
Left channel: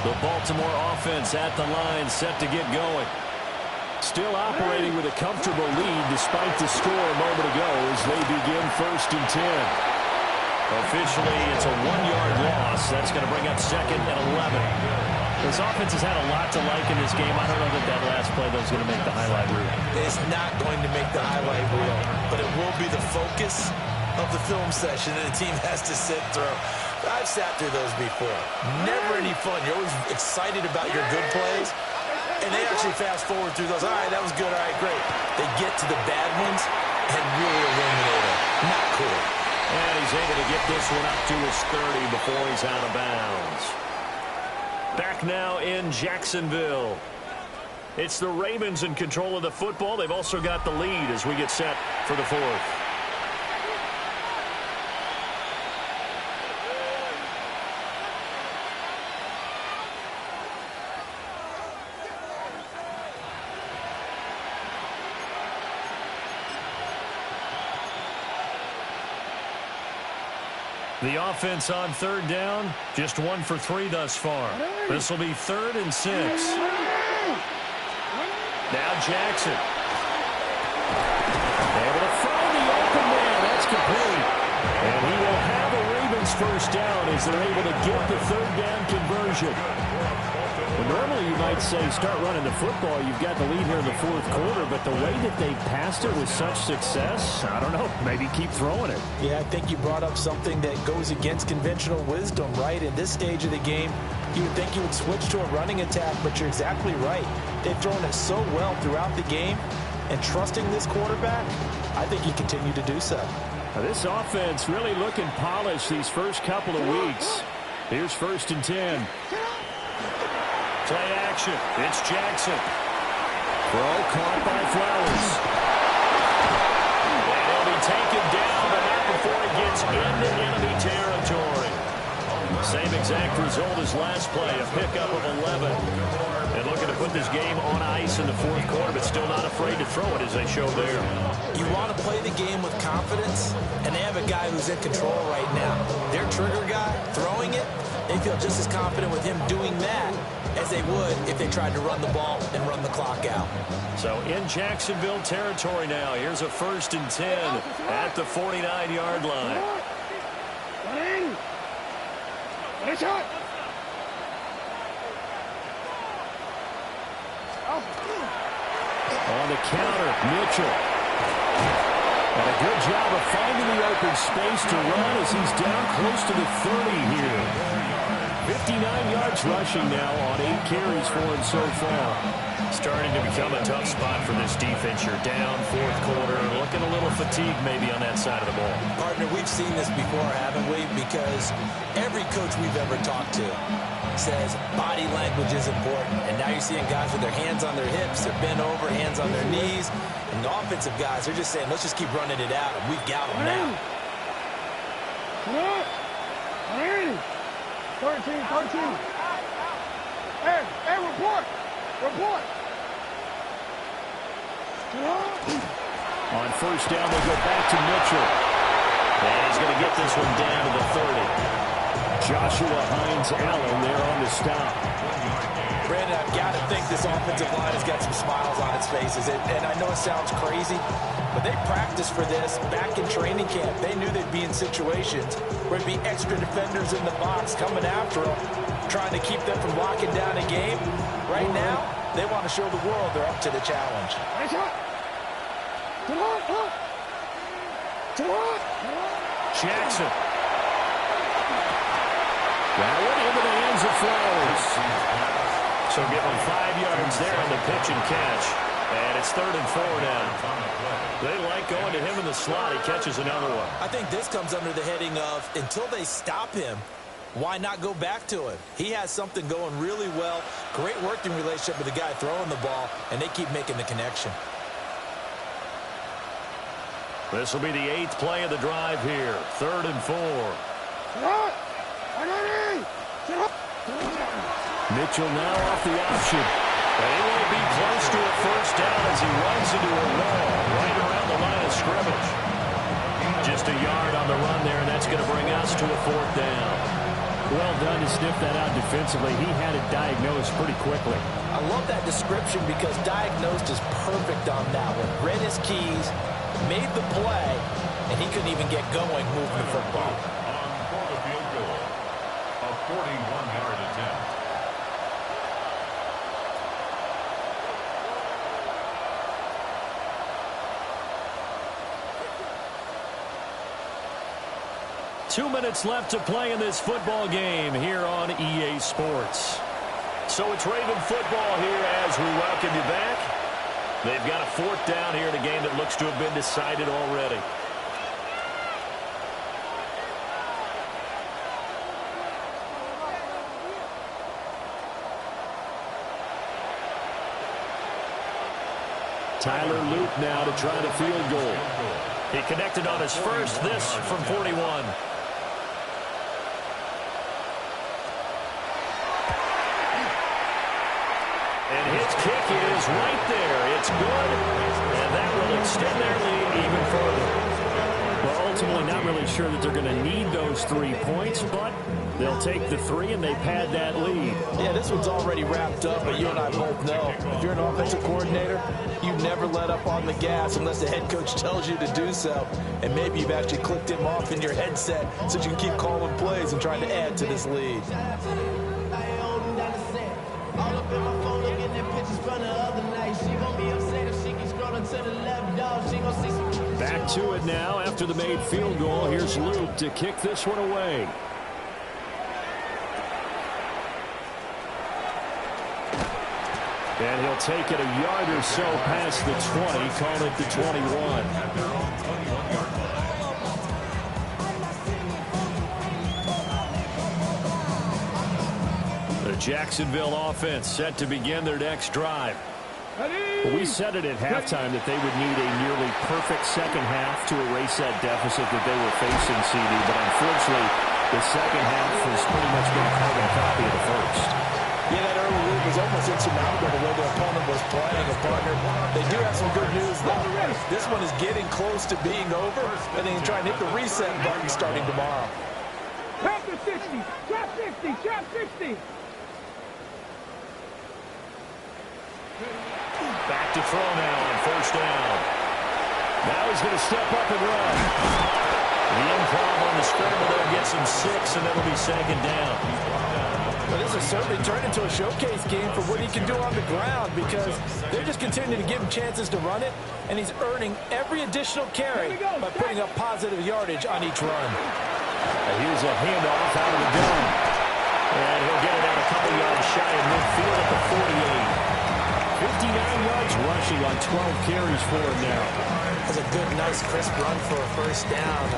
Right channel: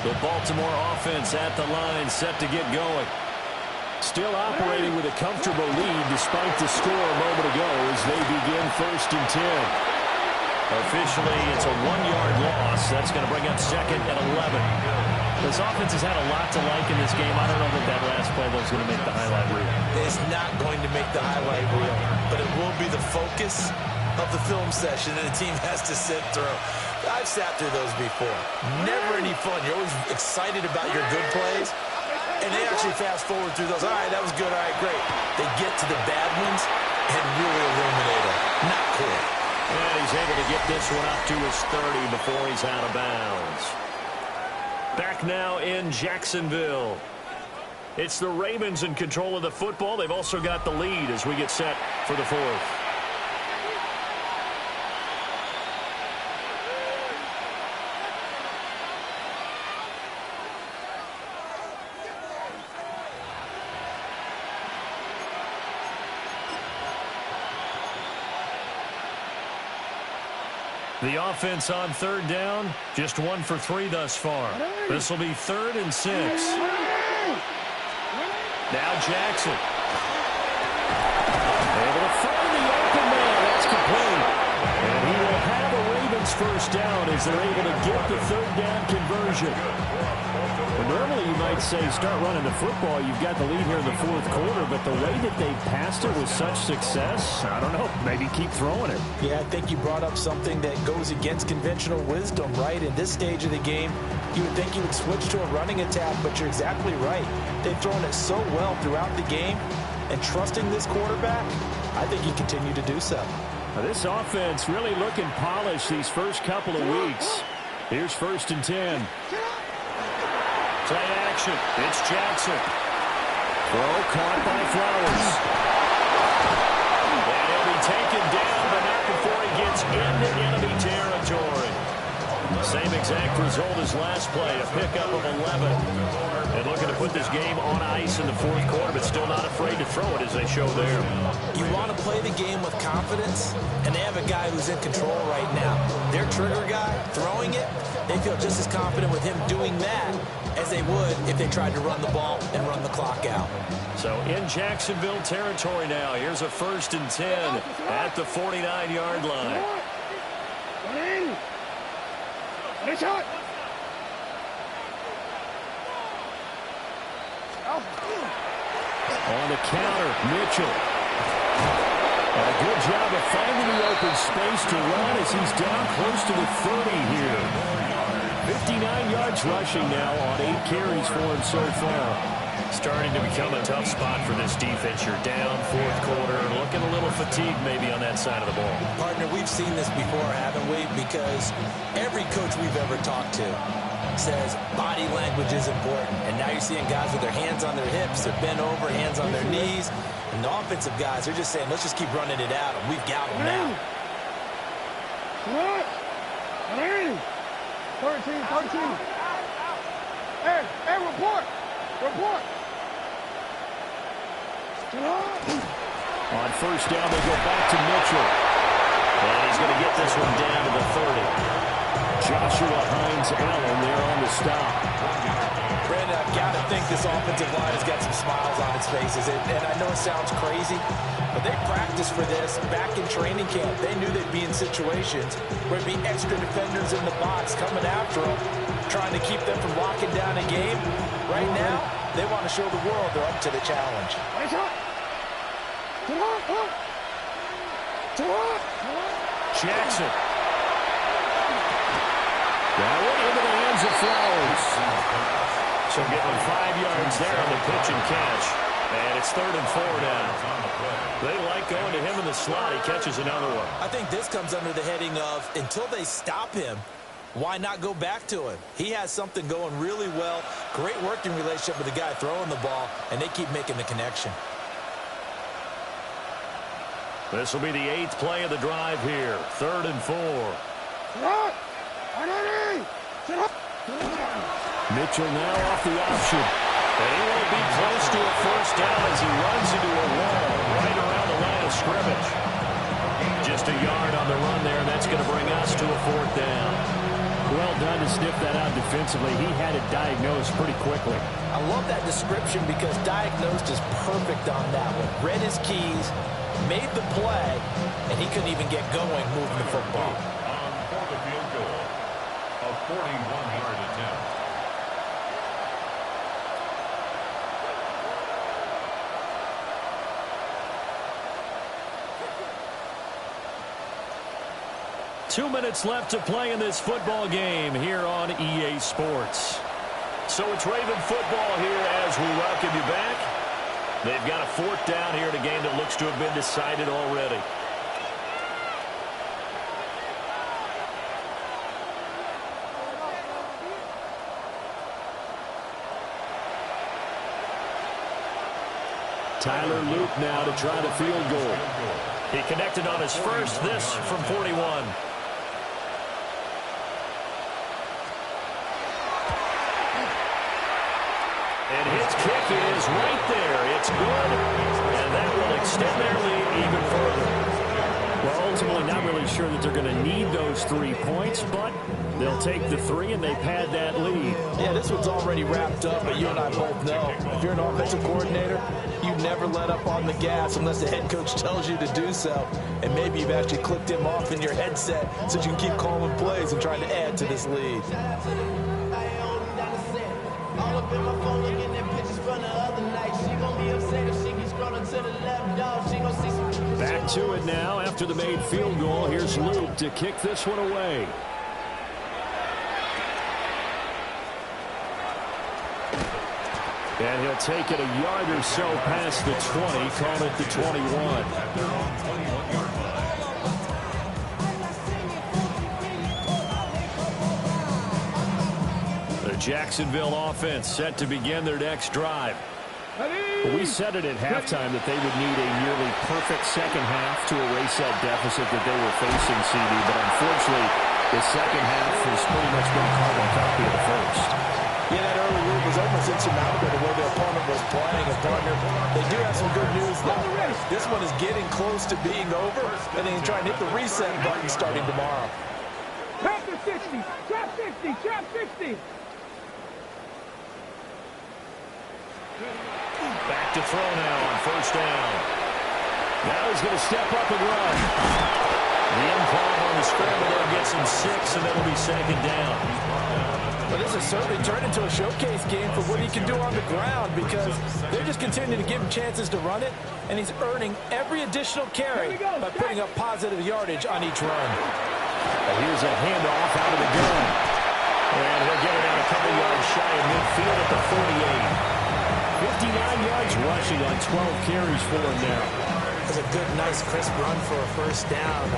The Baltimore offense at the line, set to get going. Still operating with a comfortable lead despite the score a moment ago as they begin 1st and 10. Officially, it's a 1-yard loss. That's going to bring up 2nd and 11. This offense has had a lot to like in this game. I don't know that last play, though, is going to make the highlight reel. It's not going to make the highlight reel, but it will be the focus of the film session that the team has to sit through. I've sat through those before. Never any fun. You're always excited about your good plays, and they actually fast forward through those. All right, that was good. All right, great. They get to the bad ones and really illuminate them. Not cool. And he's able to get this one up to his 30 before he's out of bounds. Back now in Jacksonville. It's the Ravens in control of the football. They've also got the lead as we get set for the 4th. The offense on 3rd down, just 1 for 3 thus far. This will be 3rd and 6. Now Jackson. Able to find the open man. That's complete. And he will have a Ravens first down as they're able to get the 3rd down conversion. Well, normally you might say start running the football. You've got the lead here in the 4th quarter, but the way that they passed it with such success, I don't know, maybe keep throwing it. Yeah, I think you brought up something that goes against conventional wisdom, right? In this stage of the game, you would think you would switch to a running attack, but you're exactly right. They've thrown it so well throughout the game, and trusting this quarterback, I think you continue to do so. Now, this offense really looking polished these first couple of weeks. Here's 1st and 10. Play action. It's Jackson. Throw caught by Flowers. And he'll be taken down, but not before he gets into enemy territory. Same exact result as last play, a pickup of 11. And looking to put this game on ice in the 4th quarter, but still not afraid to throw it as they show there. You want to play the game with confidence, and they have a guy who's in control right now. Their trigger guy, throwing it, they feel just as confident with him doing that as they would if they tried to run the ball and run the clock out. So in Jacksonville territory now. Here's a 1st and 10 at the 49-yard line. On the counter, Mitchell. And a good job of finding the open space to run as he's down close to the 30 here. 59 yards rushing now on 8 carries for him so far. Starting to become a tough spot for this defense. You're down 4th quarter, looking a little fatigued maybe on that side of the ball. Partner, we've seen this before, haven't we? Because every coach we've ever talked to says body language is important. And now you're seeing guys with their hands on their hips, they're bent over, hands on their knees. And the offensive guys, they're just saying, let's just keep running it at them. We've got them now. 13. Hey, report. On 1st down, they go back to Mitchell. And he's going to get this one down to the 30. Joshua Hines-Allen there on the stop. Brandon, I've got to think this offensive line has got some smiles on its faces. And I know it sounds crazy, but they practiced for this back in training camp. They knew they'd be in situations where there'd be extra defenders in the box coming after them, trying to keep them from locking down a game. Right now, they want to show the world they're up to the challenge. Jackson. That one into the hands of Flowers. So give him 5 yards there on the pitch and catch. And it's 3rd and 4 now. They like going to him in the slot. He catches another one. I think this comes under the heading of until they stop him, why not go back to him? He has something going really well. Great working relationship with the guy throwing the ball, and they keep making the connection. This will be the 8th play of the drive here. 3rd and 4. Mitchell now off the option. And he won't be close to a 1st down as he runs into a wall right around the line of scrimmage. Just a yard on the run there, and that's going to bring us to a 4th down. Well done to sniff that out defensively. He had it diagnosed pretty quickly. I love that description because diagnosed is perfect on that one. Read his keys, made the play, and he couldn't even get going moving the football. On for the field goal, a 41-yard attempt. Two minutes left to play in this football game here on EA Sports. So it's Raven football here as we welcome you back. They've got a 4th down here in a game that looks to have been decided already. Tyler Luke now to try the field goal. He connected on his first, this from 41. And his kick is right there. It's good, and that will extend their lead even further. Well, ultimately not really sure that they're going to need those 3 points, but they'll take the 3 and they pad that lead. Yeah, this one's already wrapped up, but you and I both know if you're an offensive coordinator, you never let up on the gas unless the head coach tells you to do so. And maybe you've actually clicked him off in your headset so you can keep calling plays and trying to add to this lead. All up in my phone looking at pictures from the other night. She gon' be upset if she keeps scrolling to the left, dog. She gon' see some. Back to it now after the made field goal. Here's Luke to kick this one away. And he'll take it a yard or so past the 20, call it the 21. At their own 21-yard line. The Jacksonville offense set to begin their next drive. We said it at halftime that they would need a nearly perfect second half to erase that deficit that they were facing, CD. But unfortunately, the second half has pretty much been a carbon copy of the first. Yeah, that early lead was almost insurmountable the way their opponent was playing. And partner, they do have some good news, though. This one is getting close to being over, and then try and hit the reset button starting tomorrow. Trap to 60, trap 60, trap 60. Back to throw now on first down. Now he's going to step up and run. The improv on the scramble there gets him 6, and that'll be second down. Well, this has certainly turned into a showcase game for what he can do on the ground, because they're just continuing to give him chances to run it, and he's earning every additional carry by putting up positive yardage on each run. And here's a handoff out of the gun. And he'll get it out a couple yards shy of midfield at the 48. 59 yards rushing on 12 carries for him now. That's a good, nice, crisp run for a first down.